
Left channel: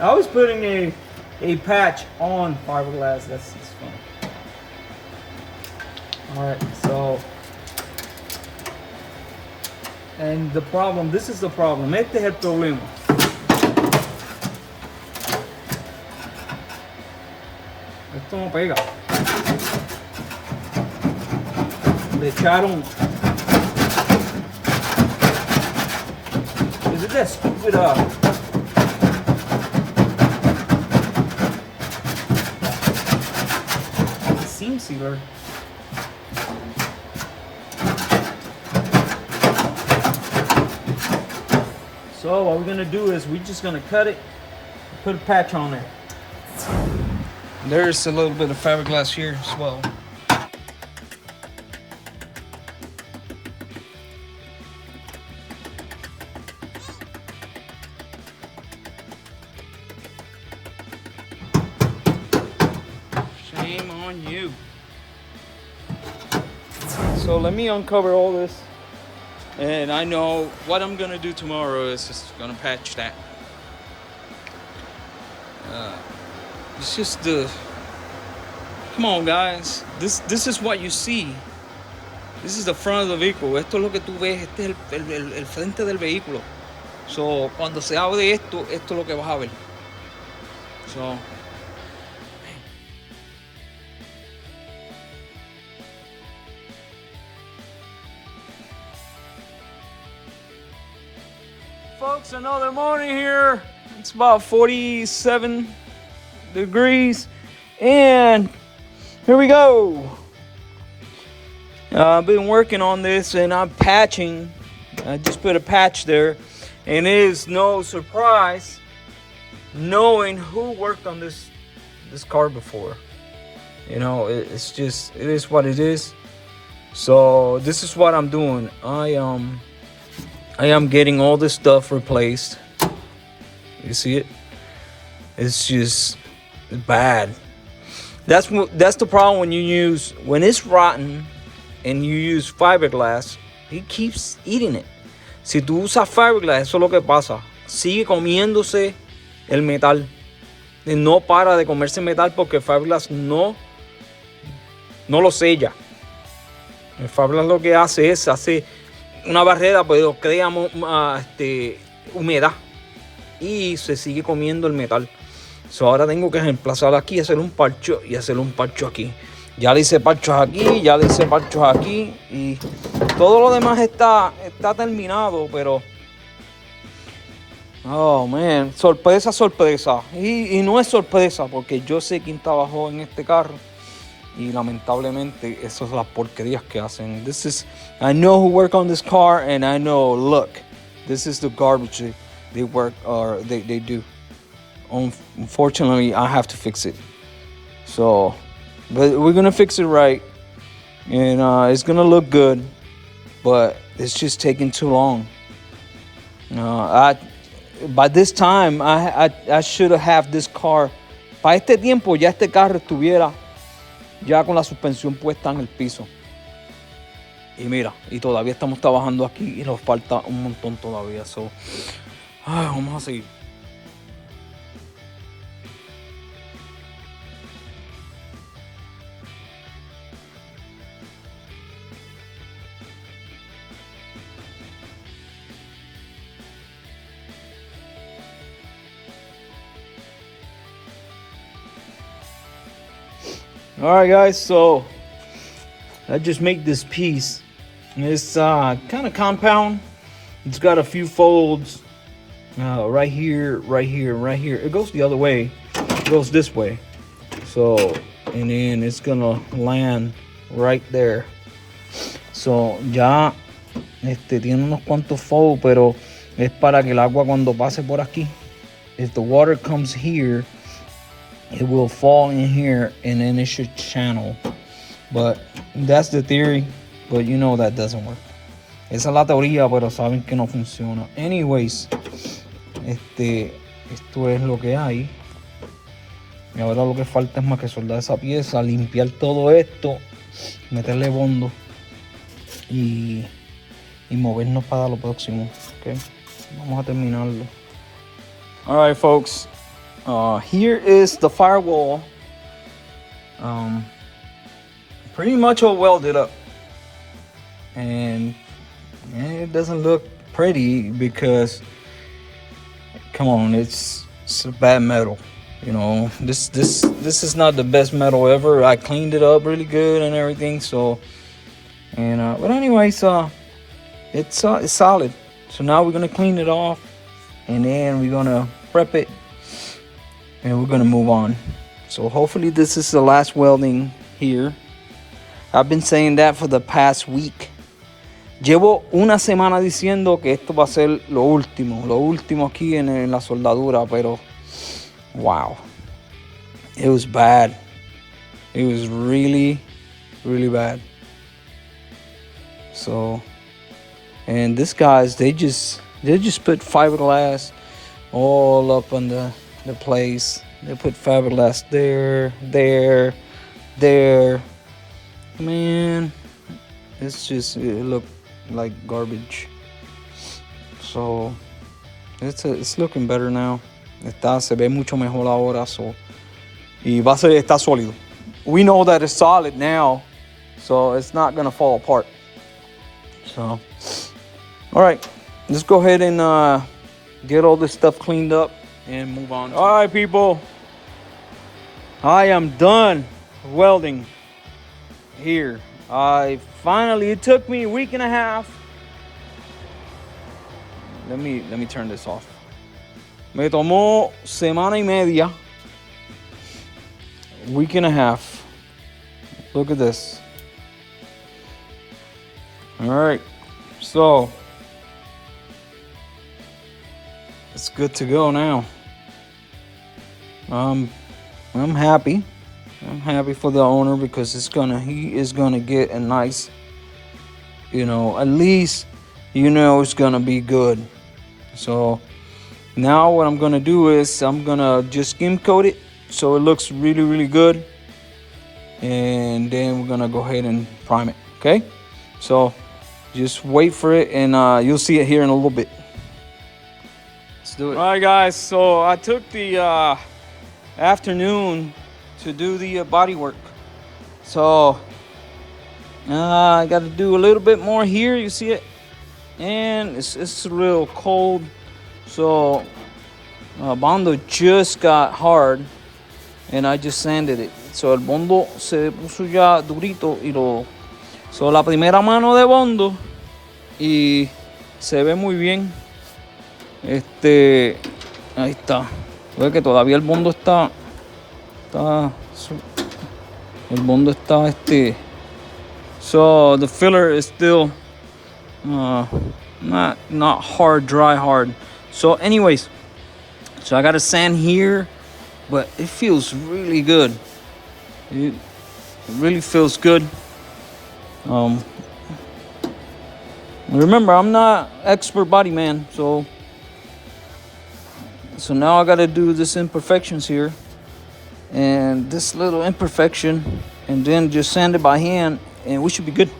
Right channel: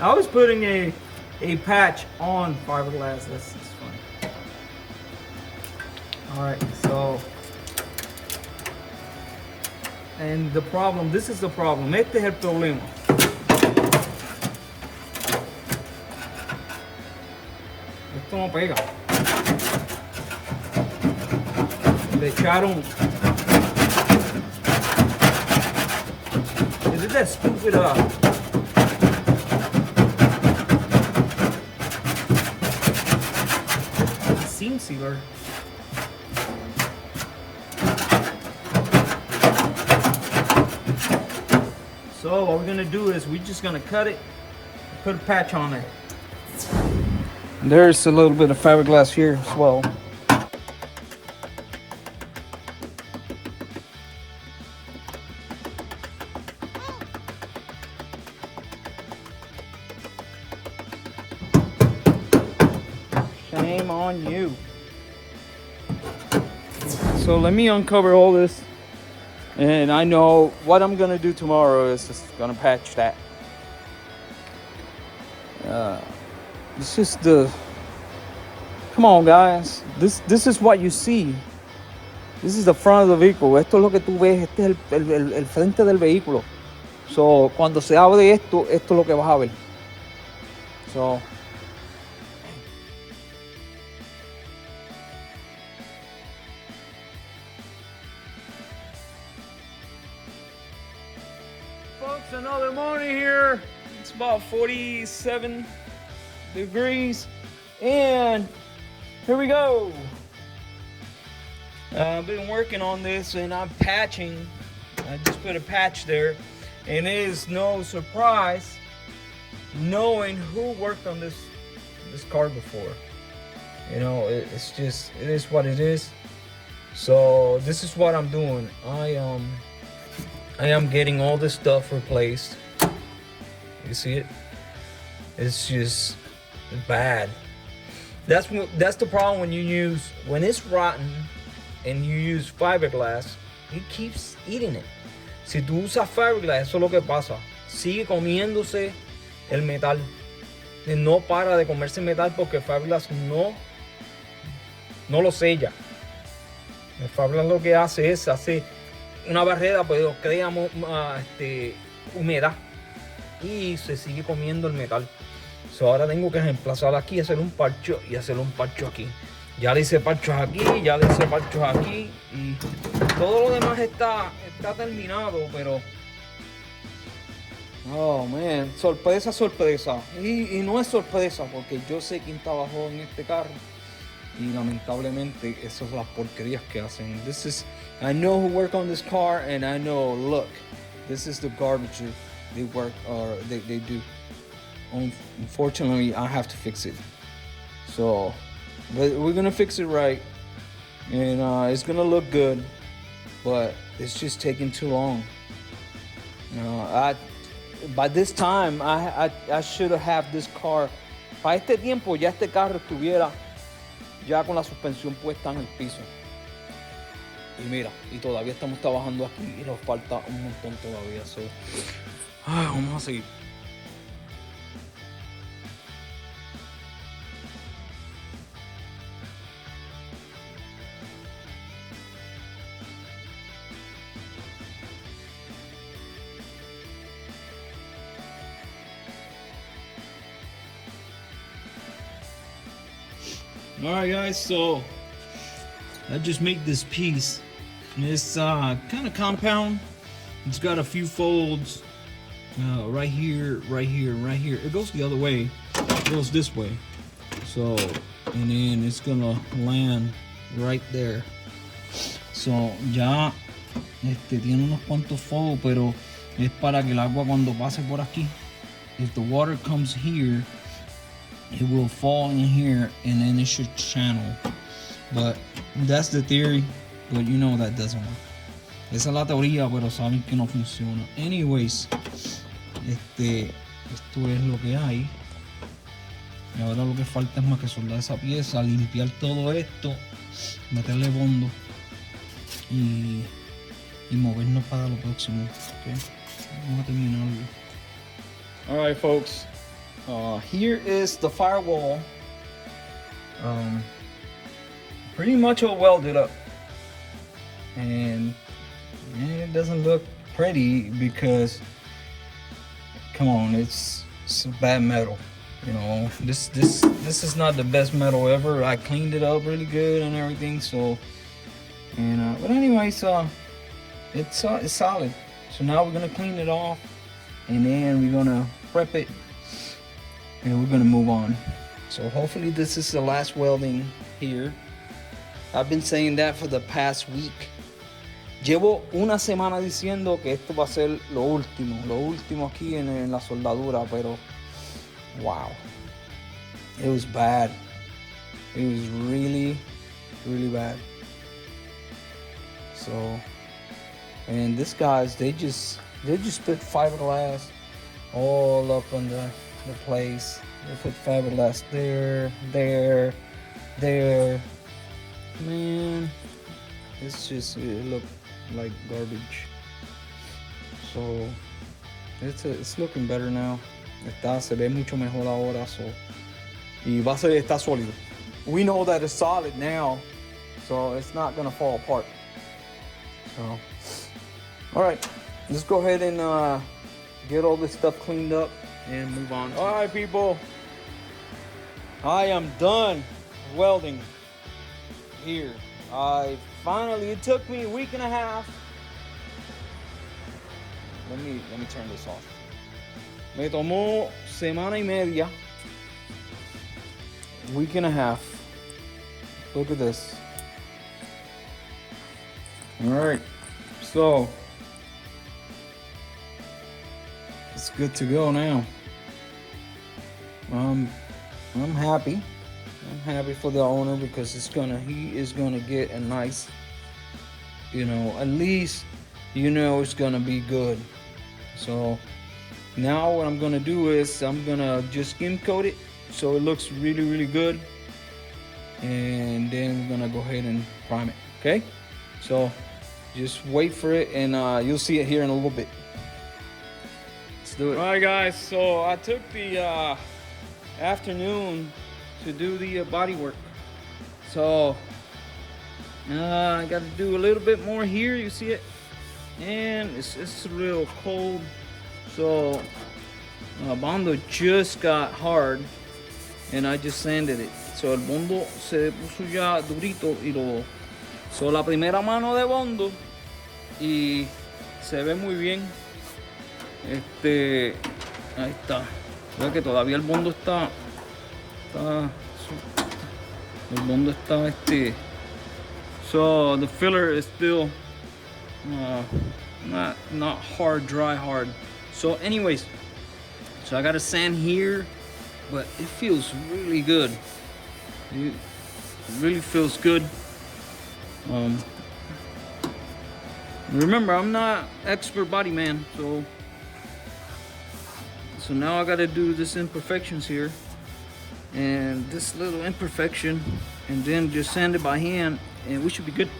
I was putting a patch on fiberglass. That's funny. Alright, so, and the problem, this is the problem. Este es el problema. Esto no pega. Le echaron. Is it that stupid seam sealer? So what we're gonna do is we're just gonna cut it, put a patch on there. There's a little bit of fiberglass here as well. Shame on you. So let me uncover all this. And I know what I'm gonna do tomorrow is just gonna patch that. It's just come on guys, this is what you see. This is the front of the vehicle. Esto es lo que tú ves, este es el frente del vehículo. So, cuando se hable de esto, esto es lo que vas a ver. So, folks, another morning here. It's about 47 degrees and here we go. I've been working on this and I'm patching. I just put a patch there and it is no surprise knowing who worked on this car before. You know, it's just, it is what it is. So this is what I'm doing. I am getting all this stuff replaced. You see it? It's just bad. That's the problem when it's rotten and you use fiberglass, it keeps eating it. Si tú usas fiberglass, eso es lo que pasa. Sigue comiéndose el metal. Y no para de comerse metal porque fiberglass no lo sella. El fiberglass lo que hace es una barrera, pero crea humedad y se sigue comiendo el metal. So ahora tengo que reemplazar aquí y hacer un parcho aquí. Ya le hice parchos aquí, ya le hice parchos aquí y todo lo demás está terminado, pero oh man, sorpresa. Y no es sorpresa porque yo sé quién trabajó en este carro. Y lamentablemente esas son las porquerías que hacen. I know who work on this car and I know, look, this is the garbage they work or they do. Unfortunately, I have to fix it. So, but we're gonna fix it right. And it's gonna look good. But it's just taking too long. By this time, I should have this car. Para este tiempo ya este carro estuviera ya con la suspensión puesta en el piso. Y mira, y todavía estamos trabajando aquí y nos falta un montón todavía. So, vamos a seguir. Alright guys, so I just made this piece. It's kind of compound. It's got a few folds right here, right here, right here. It goes the other way. It goes this way. So, and then it's gonna land right there. So, ya tiene unos cuantos folds, pero es para que el agua cuando pase por aquí, if the water comes here, it will fall in here and then it should channel. But that's the theory, but you know that doesn't work. Esa es la teoría, pero saben que no funciona. Anyways, esto es lo que hay. Y ahora lo que falta es más que soldar esa pieza, limpiar todo esto, meterle bondo y movernos para lo próximo. Okay, vamos a terminarlo. Alright folks, here is the firewall. Pretty much all welded up, and it doesn't look pretty because, come on, it's a bad metal. You know, this is not the best metal ever. I cleaned it up really good and everything. So, and but anyways, it's solid. So now we're gonna clean it off, and then we're gonna prep it, and we're gonna move on. So hopefully this is the last welding here. I've been saying that for the past week. Llevo una semana diciendo que esto va a ser lo último aquí en la soldadura, pero wow, it was bad. It was really, really bad. So, and these guys, they just put fiberglass all up on the place. They put fiberglass there. Man, it looked like garbage. So it's looking better now. Se ve mucho mejor ahora. So, y está sólido. We know that it's solid now, so it's not gonna fall apart. So, all right, let's go ahead and get all this stuff cleaned up and move on. All right, people, I am done welding here. It took me a week and a half. Let me turn this off. Me tomó semana y media, week and a half. Look at this. All right, so it's good to go now. I'm happy. I'm happy for the owner because he is gonna get a nice, at least it's gonna be good. So now what I'm gonna do is I'm gonna just skim coat it so it looks really, really good, and then we're gonna go ahead and prime it. Okay, so just wait for it, and you'll see it here in a little bit. Let's do it. All right, guys, so I took the afternoon to do the body work. So I got to do a little bit more here. You see it, and it's a little cold. So Bondo just got hard, and I just sanded it. So el Bondo se puso ya durito y so la primera mano de Bondo y se ve muy bien. Ahí está. Ve que todavía el Bondo está el Bondo está so the filler is still not hard, dry hard. So anyways, so I got to sand here, but it feels really good. It really feels good. Remember, I'm not expert body man, so now I got to do this imperfections here and this little imperfection, and then just sand it by hand, and we should be good.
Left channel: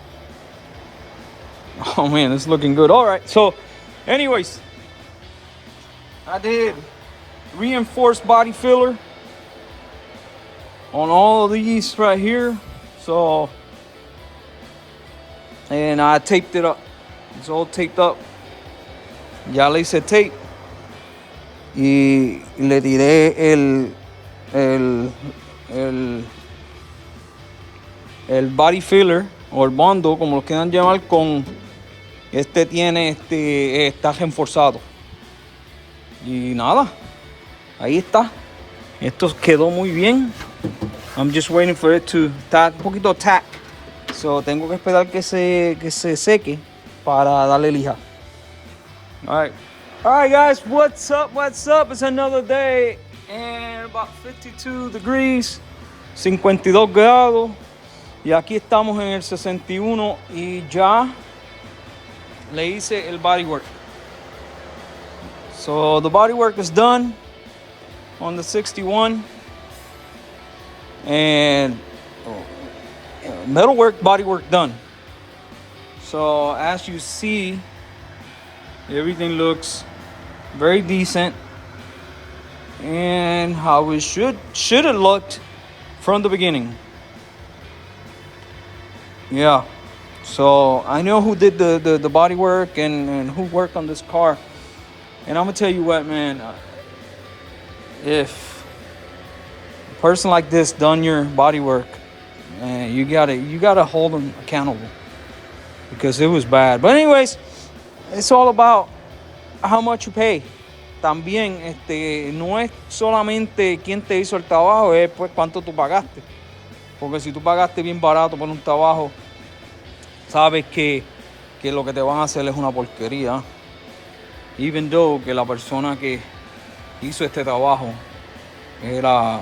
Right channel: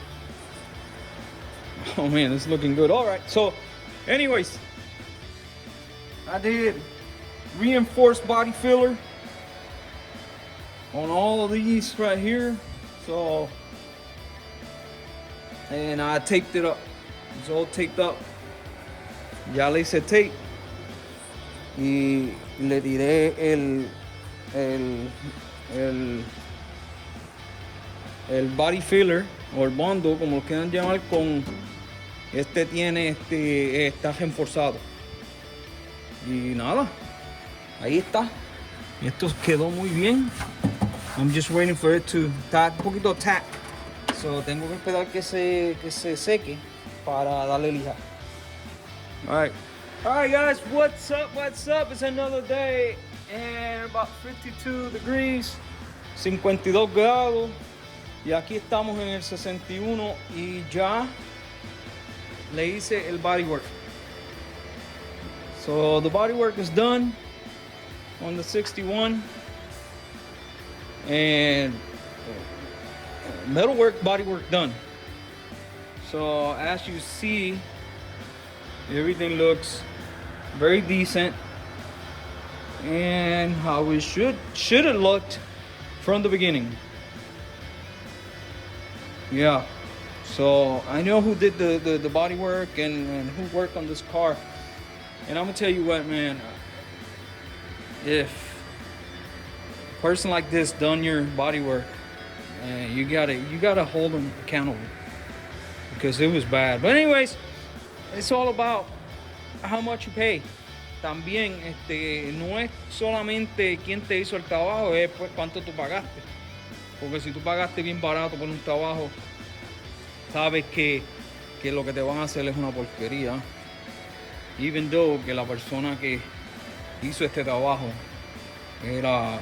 Oh man, it's looking good. All right, so anyways, I did reinforced body filler on all of these right here. So, and I taped it up. It's all taped up. Ya le hice tape y le tiré el body filler o el Bondo, como lo quieran llamar, con tiene está reforzado. Y nada, ahí está. Esto quedó muy bien. I'm just waiting for it to estar un poquito tack. So tengo que esperar que se seque para darle lija. All right guys, what's up? It's another day and about 52 degrees, 52 grados. Y aquí estamos en el 61 y ya le hice el bodywork. So the bodywork is done on the 61, and metalwork, bodywork done. So as you see, everything looks very decent and how it should have looked from the beginning. Yeah, so I know who did the body work and who worked on this car. And I'm gonna tell you what, man, if a person like this done your body work, man, you gotta hold them accountable, because it was bad. But anyways, it's all about how much you pay. También no es solamente quién te hizo el trabajo, es pues cuánto tú pagaste. Porque si tú pagaste bien barato por un trabajo, sabes que lo que te van a hacer es una porquería. Even though que la persona que hizo este trabajo era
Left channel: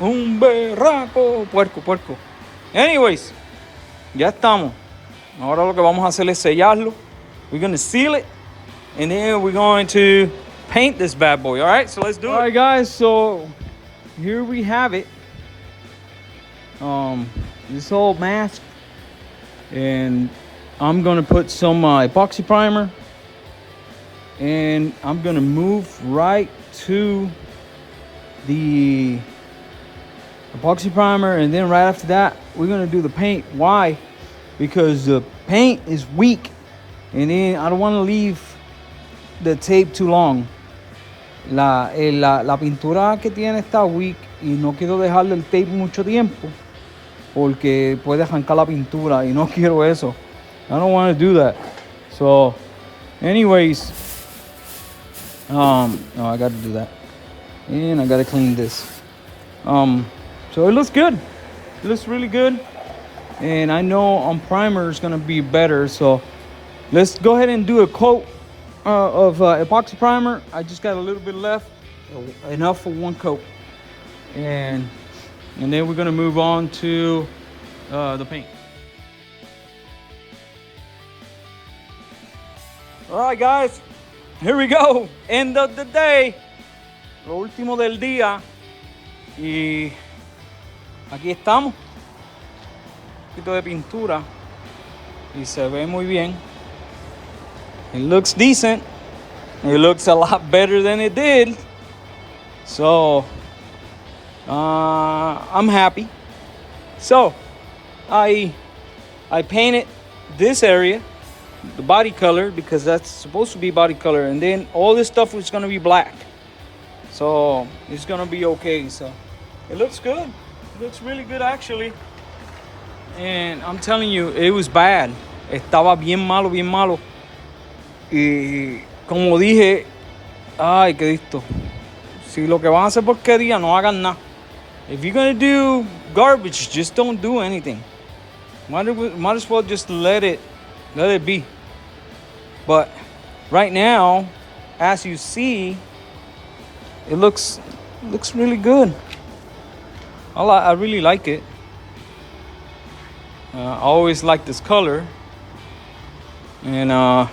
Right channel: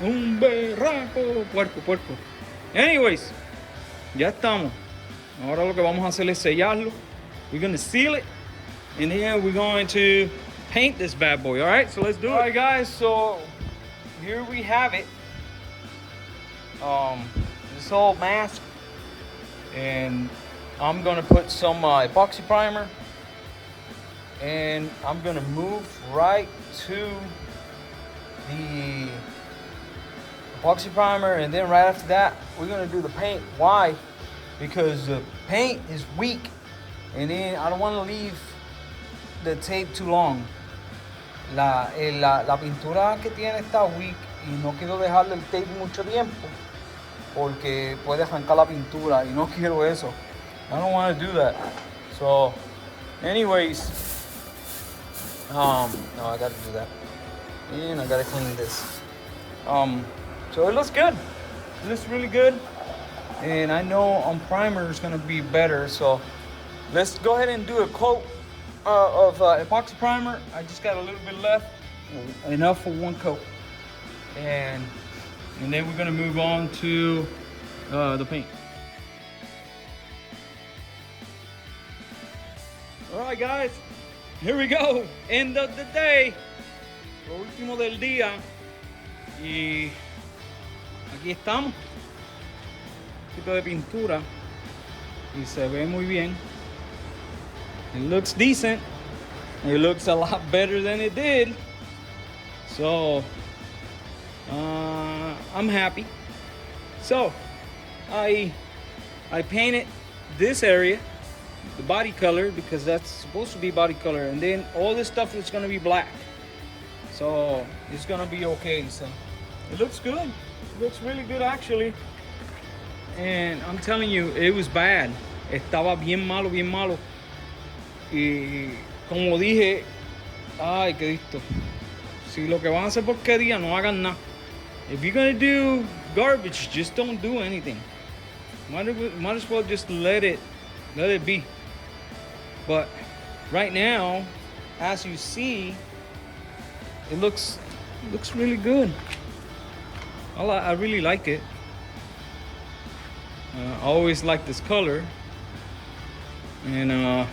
un berraco, puerco. Anyways, ya estamos. Ahora lo que vamos a hacer es sellarlo. We're going to seal it, and then we're going to paint this bad boy. All right, so let's do it. All right, guys, so here we have it. This whole mask, and I'm gonna put some epoxy primer, and I'm gonna move right to the epoxy primer, and then right after that we're gonna do the paint. Why? Because the paint is weak, and then I don't want to leave the tape too long. La pintura que tiene está weak y no quiero dejarle el tape mucho tiempo porque puede arrancar la pintura y no quiero eso. I don't want to do that. So anyways, no, I got to do that, and I got to clean this. So it looks good. It looks really good, and I know on primer is gonna be better. So let's go ahead and do a coat of epoxy primer. I just got a little bit left, enough for one coat, and And then we're gonna move on to the paint. All right, guys, here we go. End of the day. Lo último del día. Y aquí estamos. Un poquito de pintura. Y se ve muy bien. It looks decent. It looks a lot better than it did. So, I'm happy. So, I painted this area, the body color, because that's supposed to be body color. And then all this stuff is gonna be black. So, it's gonna be okay. So, it looks good. It looks really good, actually. And I'm telling you, it was bad. Estaba bien malo, bien malo. Y como dije, ay, qué listo. Si lo que van a hacer porquería, no hagan nada. If you're gonna do garbage, just don't do anything. Might as well just let it be. But right now, as you see, it looks really good. I really like it. I always like this color, and I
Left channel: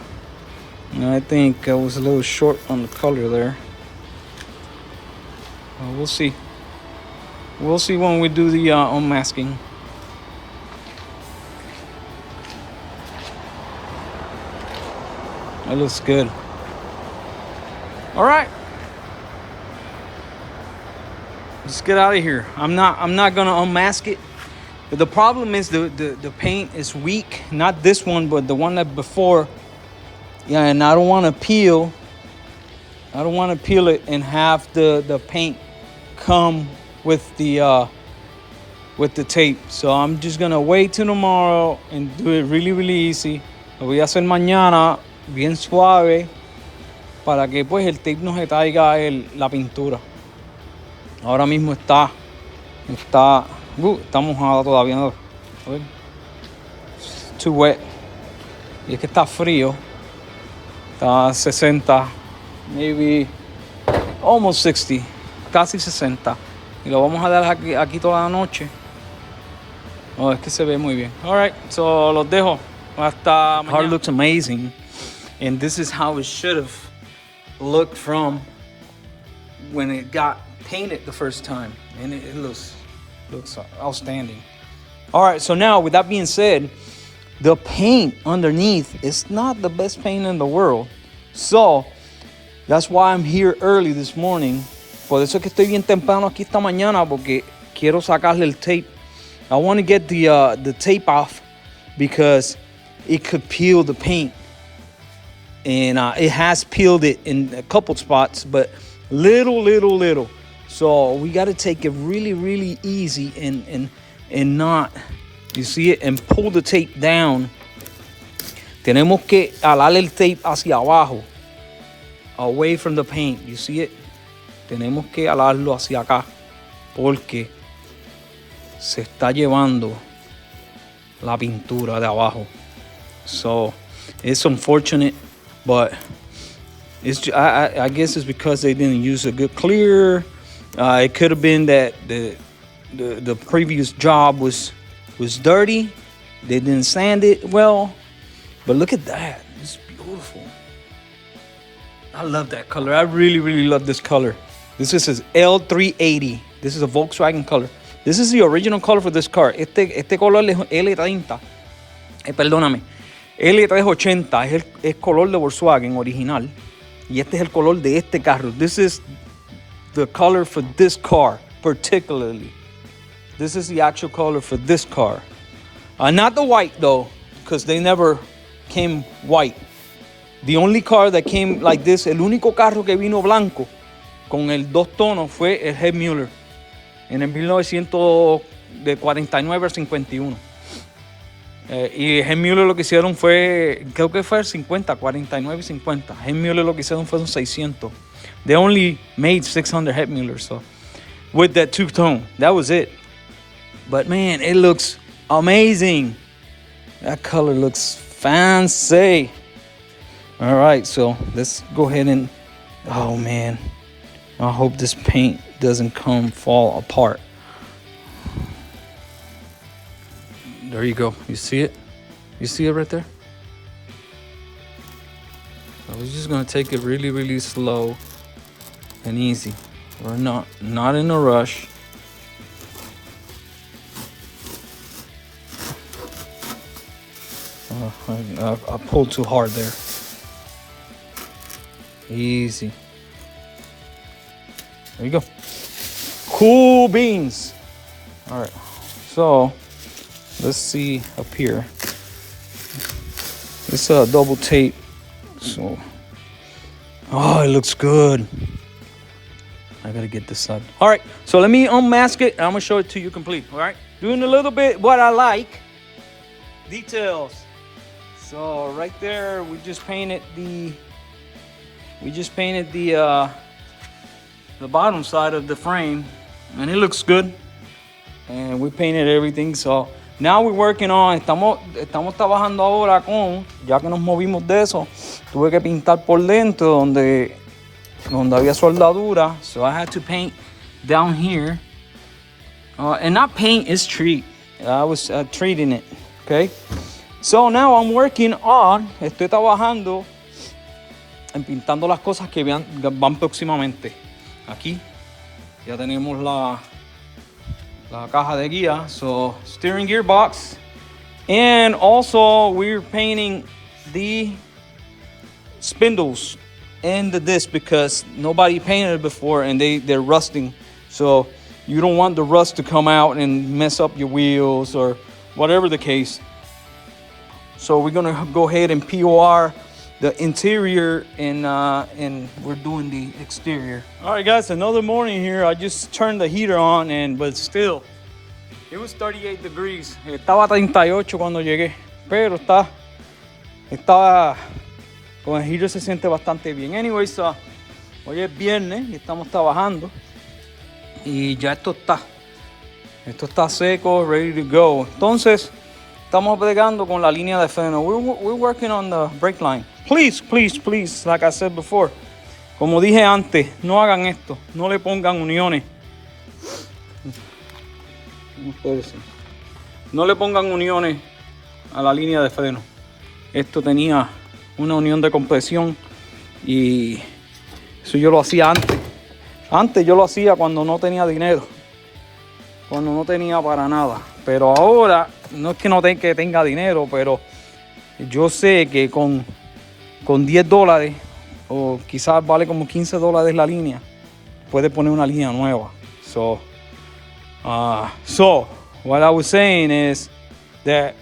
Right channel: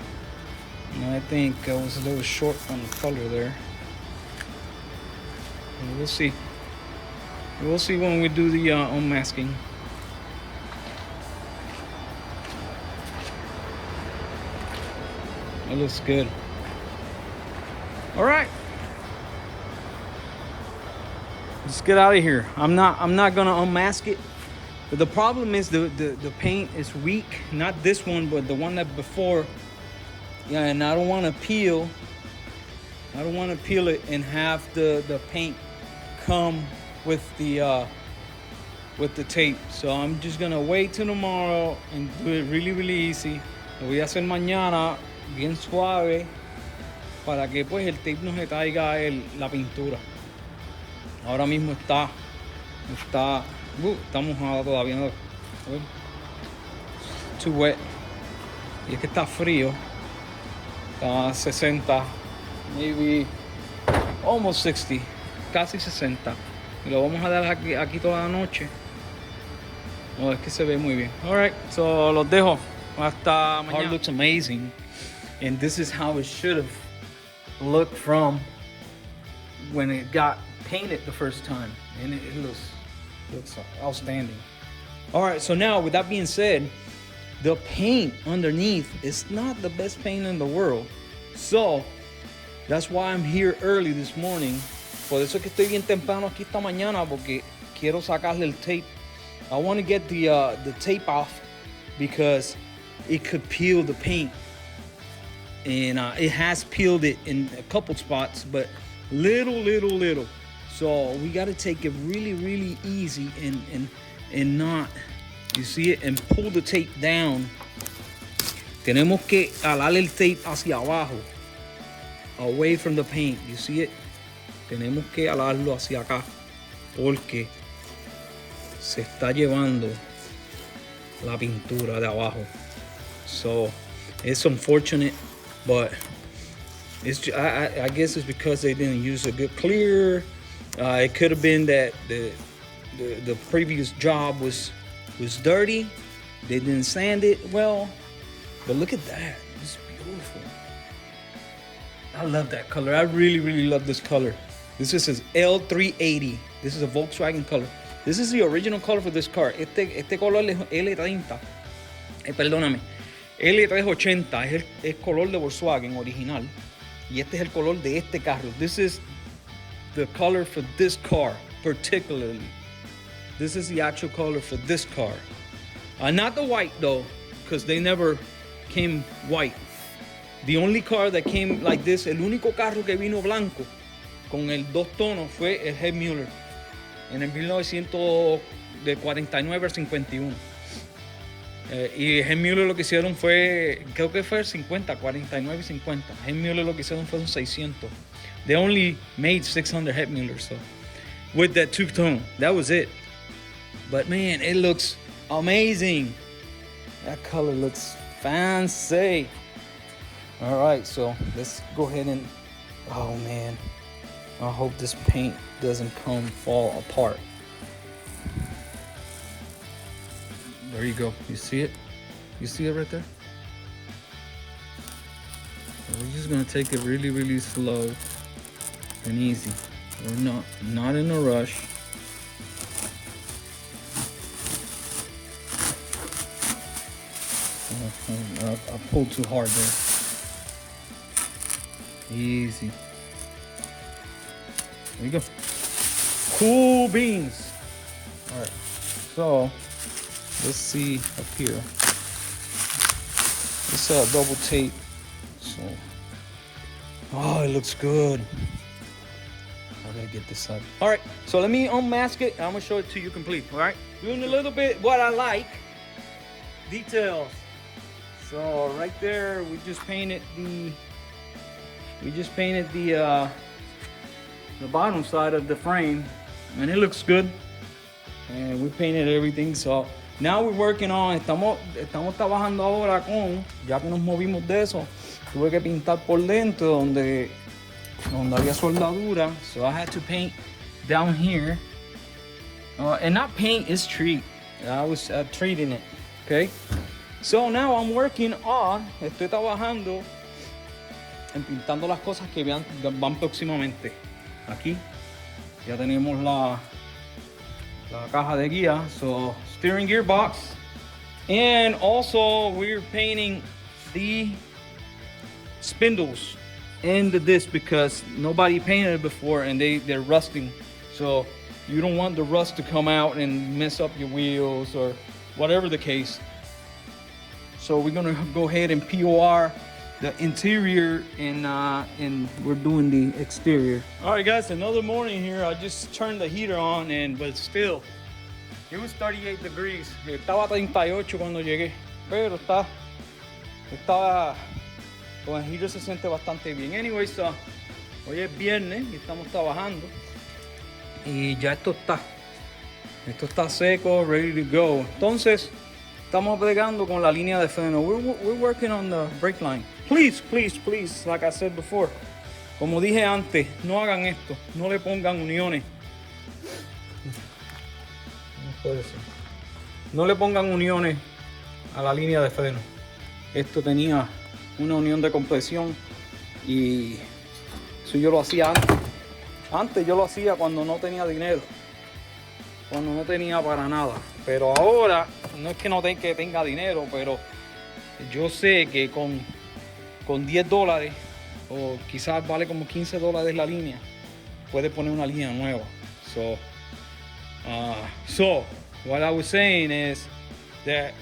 think I was a little short on the color there. We'll see. We'll see when we do the unmasking. That looks good. All right. Let's get out of here. I'm not gonna unmask it. But the problem is the paint is weak. Not this one, but the one that before. Yeah, and I don't want to peel. I don't want to peel it and have the paint come with the tape. So I'm just gonna wait till tomorrow and do it really easy. Lo voy a hacer mañana bien suave para que pues el tape no se traiga la pintura. Ahora mismo está mojada todavía. A ver. It's too wet. Y es que está frío. Está 60, maybe almost 60, casi 60. Y lo vamos a dar aquí toda la noche. Oh, es que se ve muy bien. All right, so los dejo. Hasta mañana. Car looks amazing. And this is how it should have looked from when it got painted the first time. And it looks outstanding. All right, so now with that being said, the paint underneath is not the best paint in the world. So that's why I'm here early this morning. Por eso es que estoy bien temprano aquí esta mañana, porque quiero sacarle el tape. I want to get the tape off because it could peel the paint. And it has peeled it in a couple spots, but little. So we got to take it really easy and not, you see it, and pull the tape down. Tenemos que alar el tape hacia abajo, away from the paint. You see it? Tenemos que alarlo hacia acá porque se está llevando la pintura de abajo. So it's unfortunate, but I guess it's because they didn't use a good clear. It could have been that the previous job was dirty. They didn't sand it well. But look at that. It's beautiful. I love that color. I really love this color. This is L380. This is a Volkswagen color. This is the original color for this car. Este color es L30. Perdóname. L380 es color de Volkswagen original. Y este es el color de este carro. This is the color for this car, particularly. This is the actual color for this car. Not the white, though, because they never came white. The only car that came like this, el único carro que vino blanco con el dos tonos fue el Head Mueller en el 1949 al 51. Y Head Mueller lo que hicieron fue, creo que fue el 50, 49 y 50. Head Mueller lo que hicieron fueron 600. They only made 600 Head Muellers, so with that two-tone, that was it. But man, it looks amazing. That color looks fancy. All right, so let's go ahead and, oh man, I hope this paint doesn't fall apart. There you go. You see it? You see it right there? We're just gonna take it really, really slow and easy. We're not in a rush. I pulled too hard there. Easy. There you go. Cool beans. All right. So let's see up here. It's a double tape. So, oh, it looks good. I gotta get this up. All right, so let me unmask it and I'm gonna show it to you complete. All right, doing a little bit what I like. Details. So right there, we just painted the bottom side of the frame, and it looks good. And we painted everything. So now we're working on. Estamos trabajando ahora con, ya que nos movimos de eso, tuve que pintar por dentro donde había soldadura. So I had to paint down here. And not paint, it's treat. I was treating it. Okay. So now I'm working on, estoy trabajando en pintando las cosas que van próximamente. Aquí ya tenemos la caja de guía, so steering gear box, and also we're painting the spindles and the disc because nobody painted it before and they're rusting. So you don't want the rust to come out and mess up your wheels or whatever the case. So we're gonna go ahead and POR the interior and we're doing the exterior. All right, guys, another morning here. I just turned the heater on, but still, it was 38 degrees. Estaba 38 cuando llegué, pero estaba con el heater se siente bastante bien. Anyways, hoy es viernes y estamos trabajando y ya esto está seco, ready to go. Entonces, estamos bregando con la línea de freno. We're working on the brake line. Please, please, please, like I said before. Como dije antes, no hagan esto. No le pongan uniones. No le pongan uniones a la línea de freno. Esto tenía una unión de compresión y eso yo lo hacía antes. Antes yo lo hacía cuando no tenía dinero. Cuando no tenía para nada. Pero ahora, no es que no que tenga dinero, pero yo sé que con $10 o quizás vale como $15 la línea, puede poner una línea nueva. So what I was saying is that,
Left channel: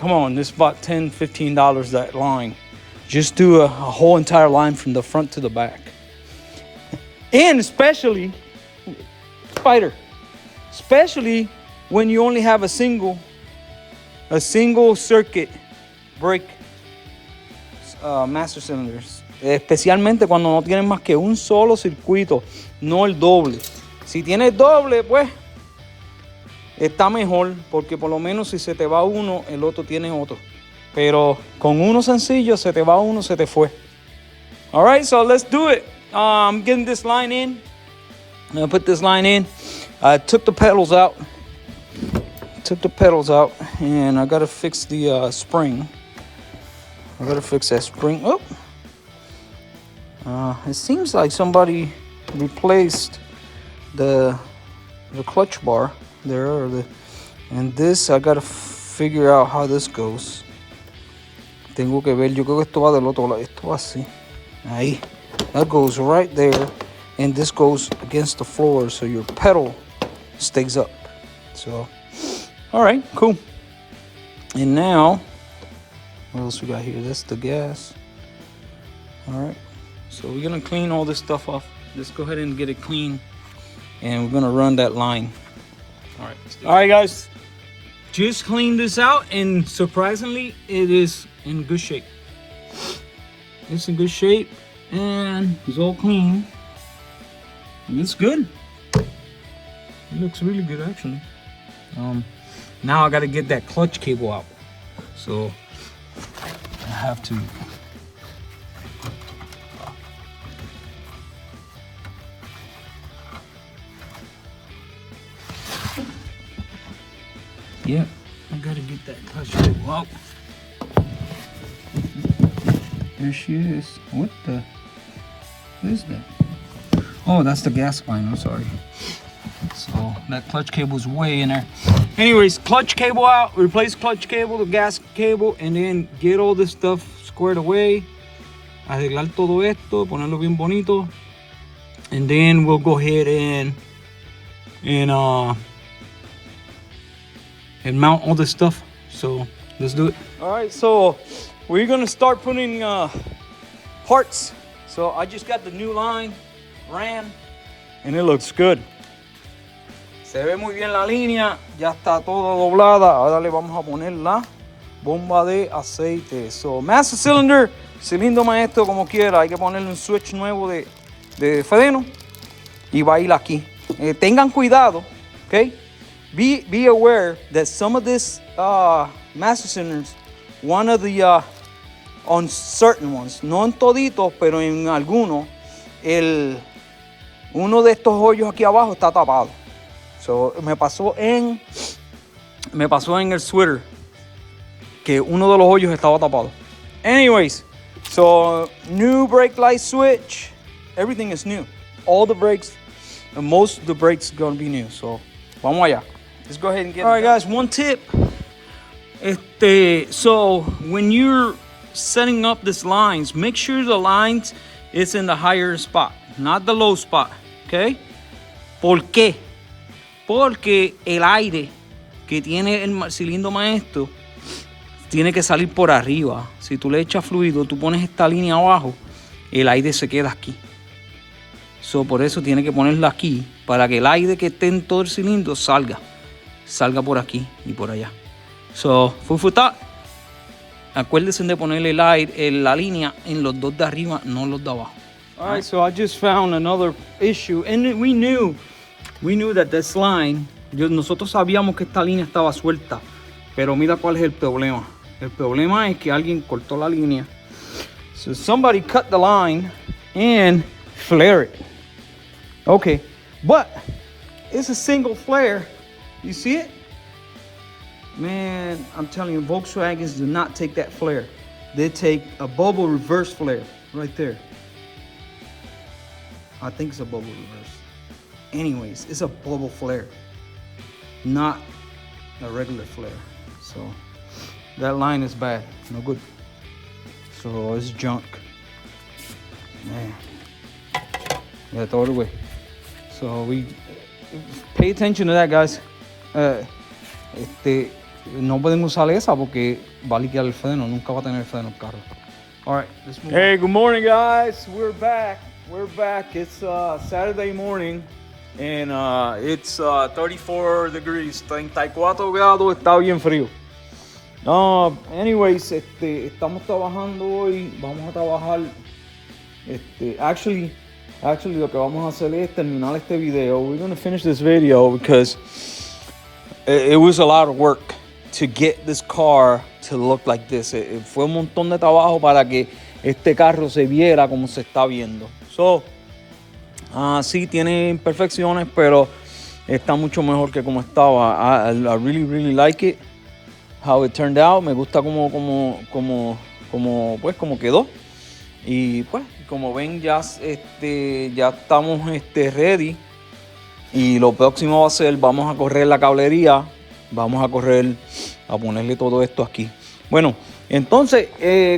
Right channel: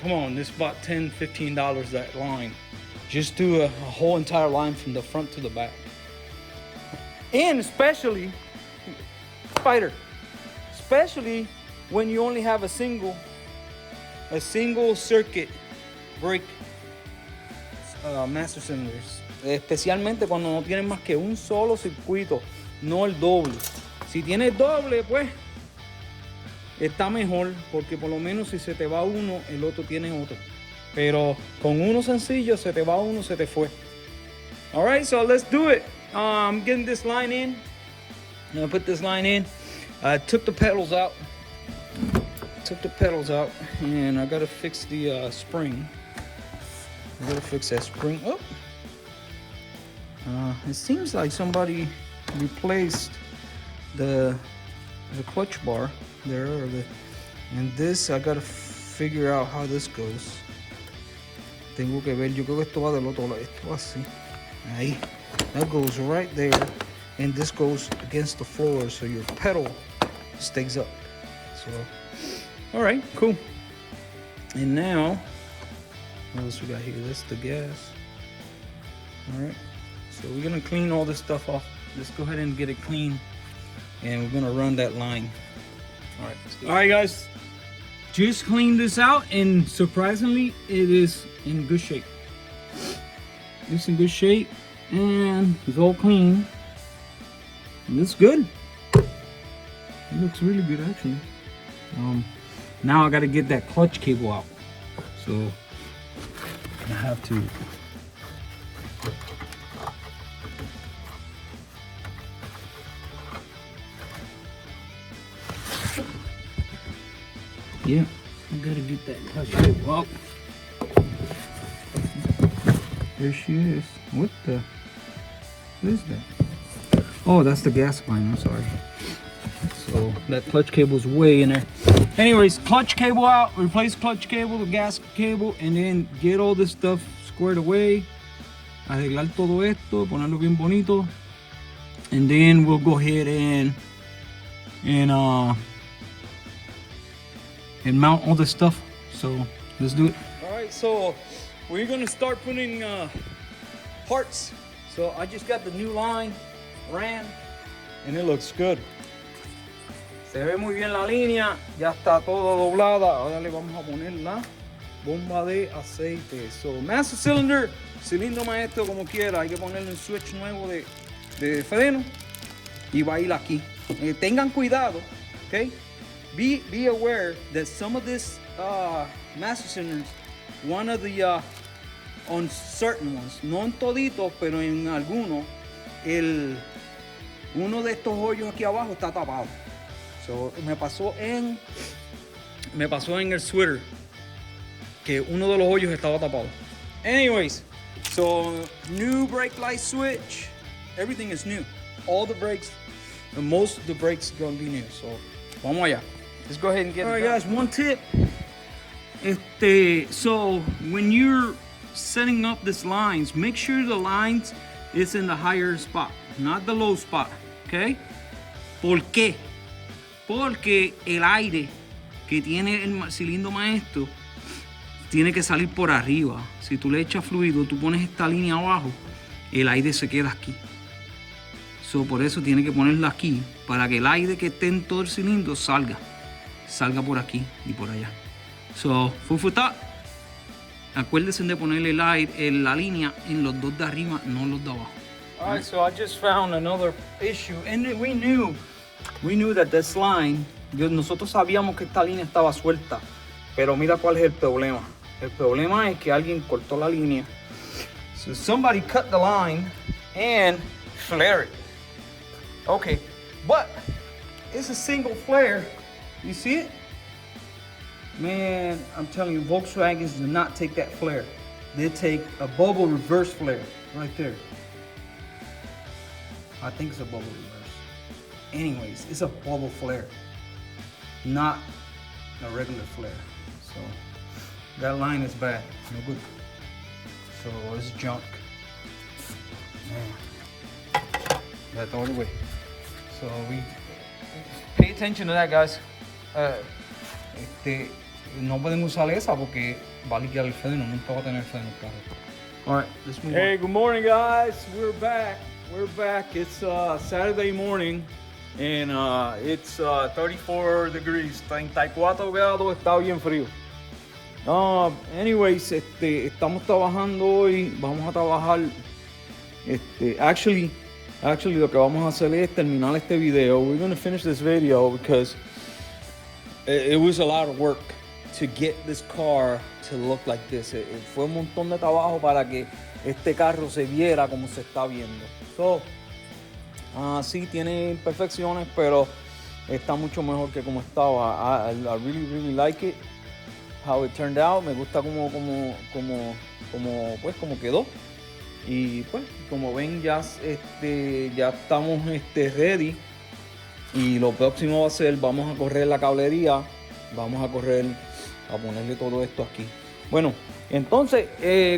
come on, this is about $10-15 that line. Just do a whole entire line from the front to the back. And especially, especially when you only have a single circuit brake master cylinders, especialmente cuando no tienes más que un solo circuito, no el doble. Si tienes doble, pues está mejor, porque por lo menos si se te va uno, el otro tiene otro. Pero con uno sencillo, se te va uno, se te fue. All right, so let's do it. I'm getting this line in. I'm gonna put this line in. I took the pedals out. And I gotta fix the spring. I gotta fix that spring. Oh, it seems like somebody replaced the clutch bar there, and this I gotta figure out how this goes. Tengo que ver. Yo creo que esto va del otro lado. Esto va así. Ahí. That goes right there, and this goes against the floor, so your pedal stays up. So, all right, cool. And now, what else we got here? That's the gas. All right, so we're gonna clean all this stuff off. Let's go ahead and get it clean, and we're gonna run that line. All right, let's do it. All right, guys, just cleaned this out, and surprisingly, it is in good shape. It's in good shape, and it's all clean. And it's good. It looks really good, actually. Now I gotta get that clutch cable out. So I have to. Yeah, I gotta Get that clutch cable out. There she is. What is that? Oh, that's the gas line, I'm sorry. So that clutch cable is way in there. Anyways, clutch cable out, replace clutch cable, the gas cable, and then get all this stuff squared away. Arreglar todo esto, ponerlo bien bonito. And then we'll go ahead and mount all this stuff. So let's do it. All right, so we're gonna start putting parts. So I just got the new line ran, and it looks good. Se ve muy bien la línea, ya está todo doblada. Ahora le vamos a poner la bomba de aceite. So master cylinder, cilindro maestro como quiera. Hay que ponerle un switch nuevo de freno y va a ir aquí. Tengan cuidado, okay? Be aware that some of this master cylinders, one of the on certain ones, no en toditos, pero en algunos, uno de estos hoyos aquí abajo está tapado. So, me pasó en el sweater que uno de los hoyos estaba tapado. Anyways, so new brake light switch, everything is new. All the brakes, and most of the brakes are gonna be new. So, vamos allá. Let's go ahead and get it. All right, guys, one tip. So when you're setting up these lines, make sure the lines is in the higher spot, not the low spot, okay? ¿Por qué? Porque el aire que tiene el cilindro maestro tiene que salir por arriba. Si tú le echas fluido, tú pones esta línea abajo, el aire se queda aquí. So, por eso tiene que ponerla aquí, para que el aire que esté en todo el cilindro salga por aquí y por allá. So, fufuta. Acuérdense de ponerle la línea en los dos de arriba, no los de abajo. All right, so I just found another issue, and we knew that this line, nosotros sabíamos que esta línea estaba suelta, pero mira cuál es el problema. El problema es que alguien cortó la línea. So somebody cut the line and flared it. Okay, but it's a single flare. You see it? Man, I'm telling you, Volkswagens do not take that flare. They take a bubble reverse flare right there. I think it's a bubble reverse. Anyways, it's a bubble flare, not a regular flare. So that line is bad, no good. So it's junk. Man, yeah, throw it away. So we pay attention to that, guys. No podemos usar esa porque va a liquear el freno, nunca va a tener freno el carro. All right, let's move on. Hey, good morning, guys. We're back. It's Saturday morning, and it's 34 degrees, 34 grados, está bien frío. No, anyways, estamos trabajando hoy, vamos a trabajar, actually lo que vamos a hacer es terminar este video. We're going to finish this video because it was a lot of work to get this car to look like this. Fue un montón de trabajo para que este carro se viera como se está viendo. So, sí tiene imperfecciones, pero está mucho mejor que como estaba. I really like it, how it turned out. Me gusta como quedó. Y pues, como ven, ya estamos ready. Y lo próximo va a ser, vamos a correr la cablería, vamos a ponerle todo esto aquí. Bueno, entonces,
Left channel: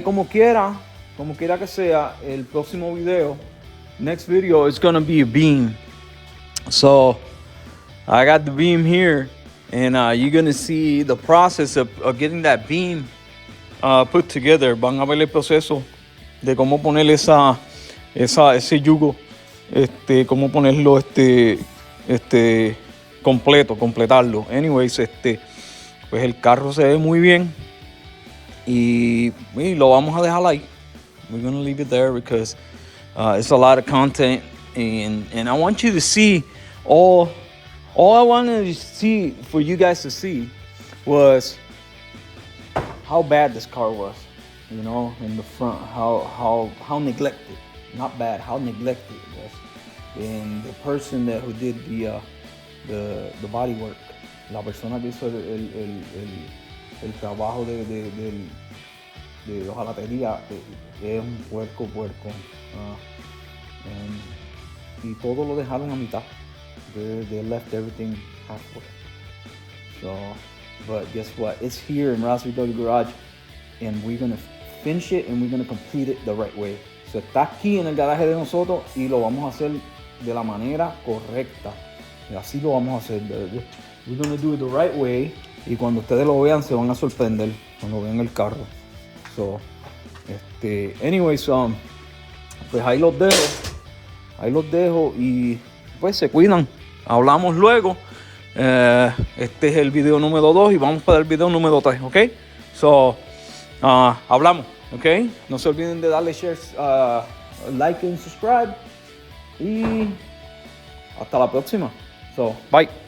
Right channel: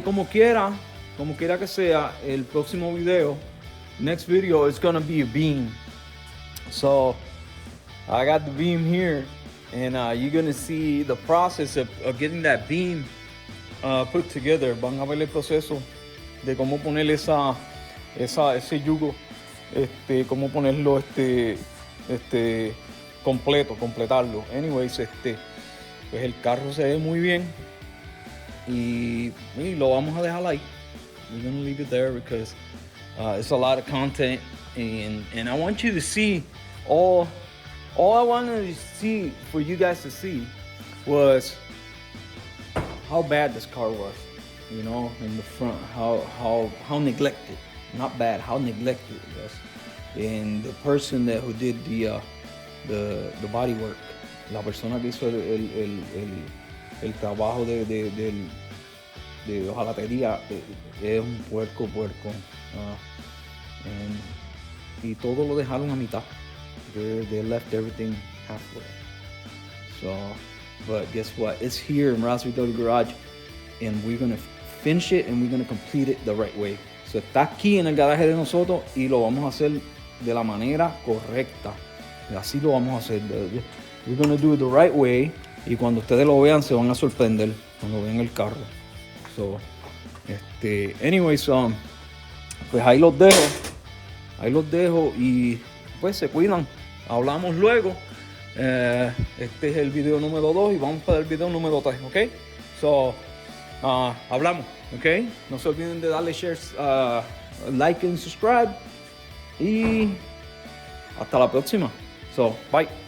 como quiera que sea, el próximo video, next video is gonna be a beam. So, I got the beam here, and you're gonna see the process of getting that beam put together. Van a ver el proceso de cómo poner ese yugo, cómo ponerlo, completarlo. Anyways, pues el carro se ve muy bien y lo vamos a dejar ahí. We're gonna leave it there because it's a lot of content, and I want you to see all I wanted to see for you guys to see was how bad this car was, you know, in the front, how neglected, not bad, how neglected it was. And the person who did the body work, la persona que hizo el trabajo de hojalatería es un puerco. Y todo lo dejaron a mitad. They left everything halfway. So, but guess what? It's here in Raspberry W Garage, and we're gonna finish it and we're gonna complete it the right way. So, está aquí en el garaje de nosotros y lo vamos a hacer de la manera correcta. Y así lo vamos a hacer. We're gonna do it the right way. Y cuando ustedes lo vean, se van a sorprender cuando vean el carro. So, anyways, pues ahí los dejo y pues se cuidan. Hablamos luego. Este es el video número 2 y vamos para el video número 3, ¿ok? So, hablamos, ¿ok? No se olviden de darle share, like and subscribe. Y hasta la próxima. So, bye.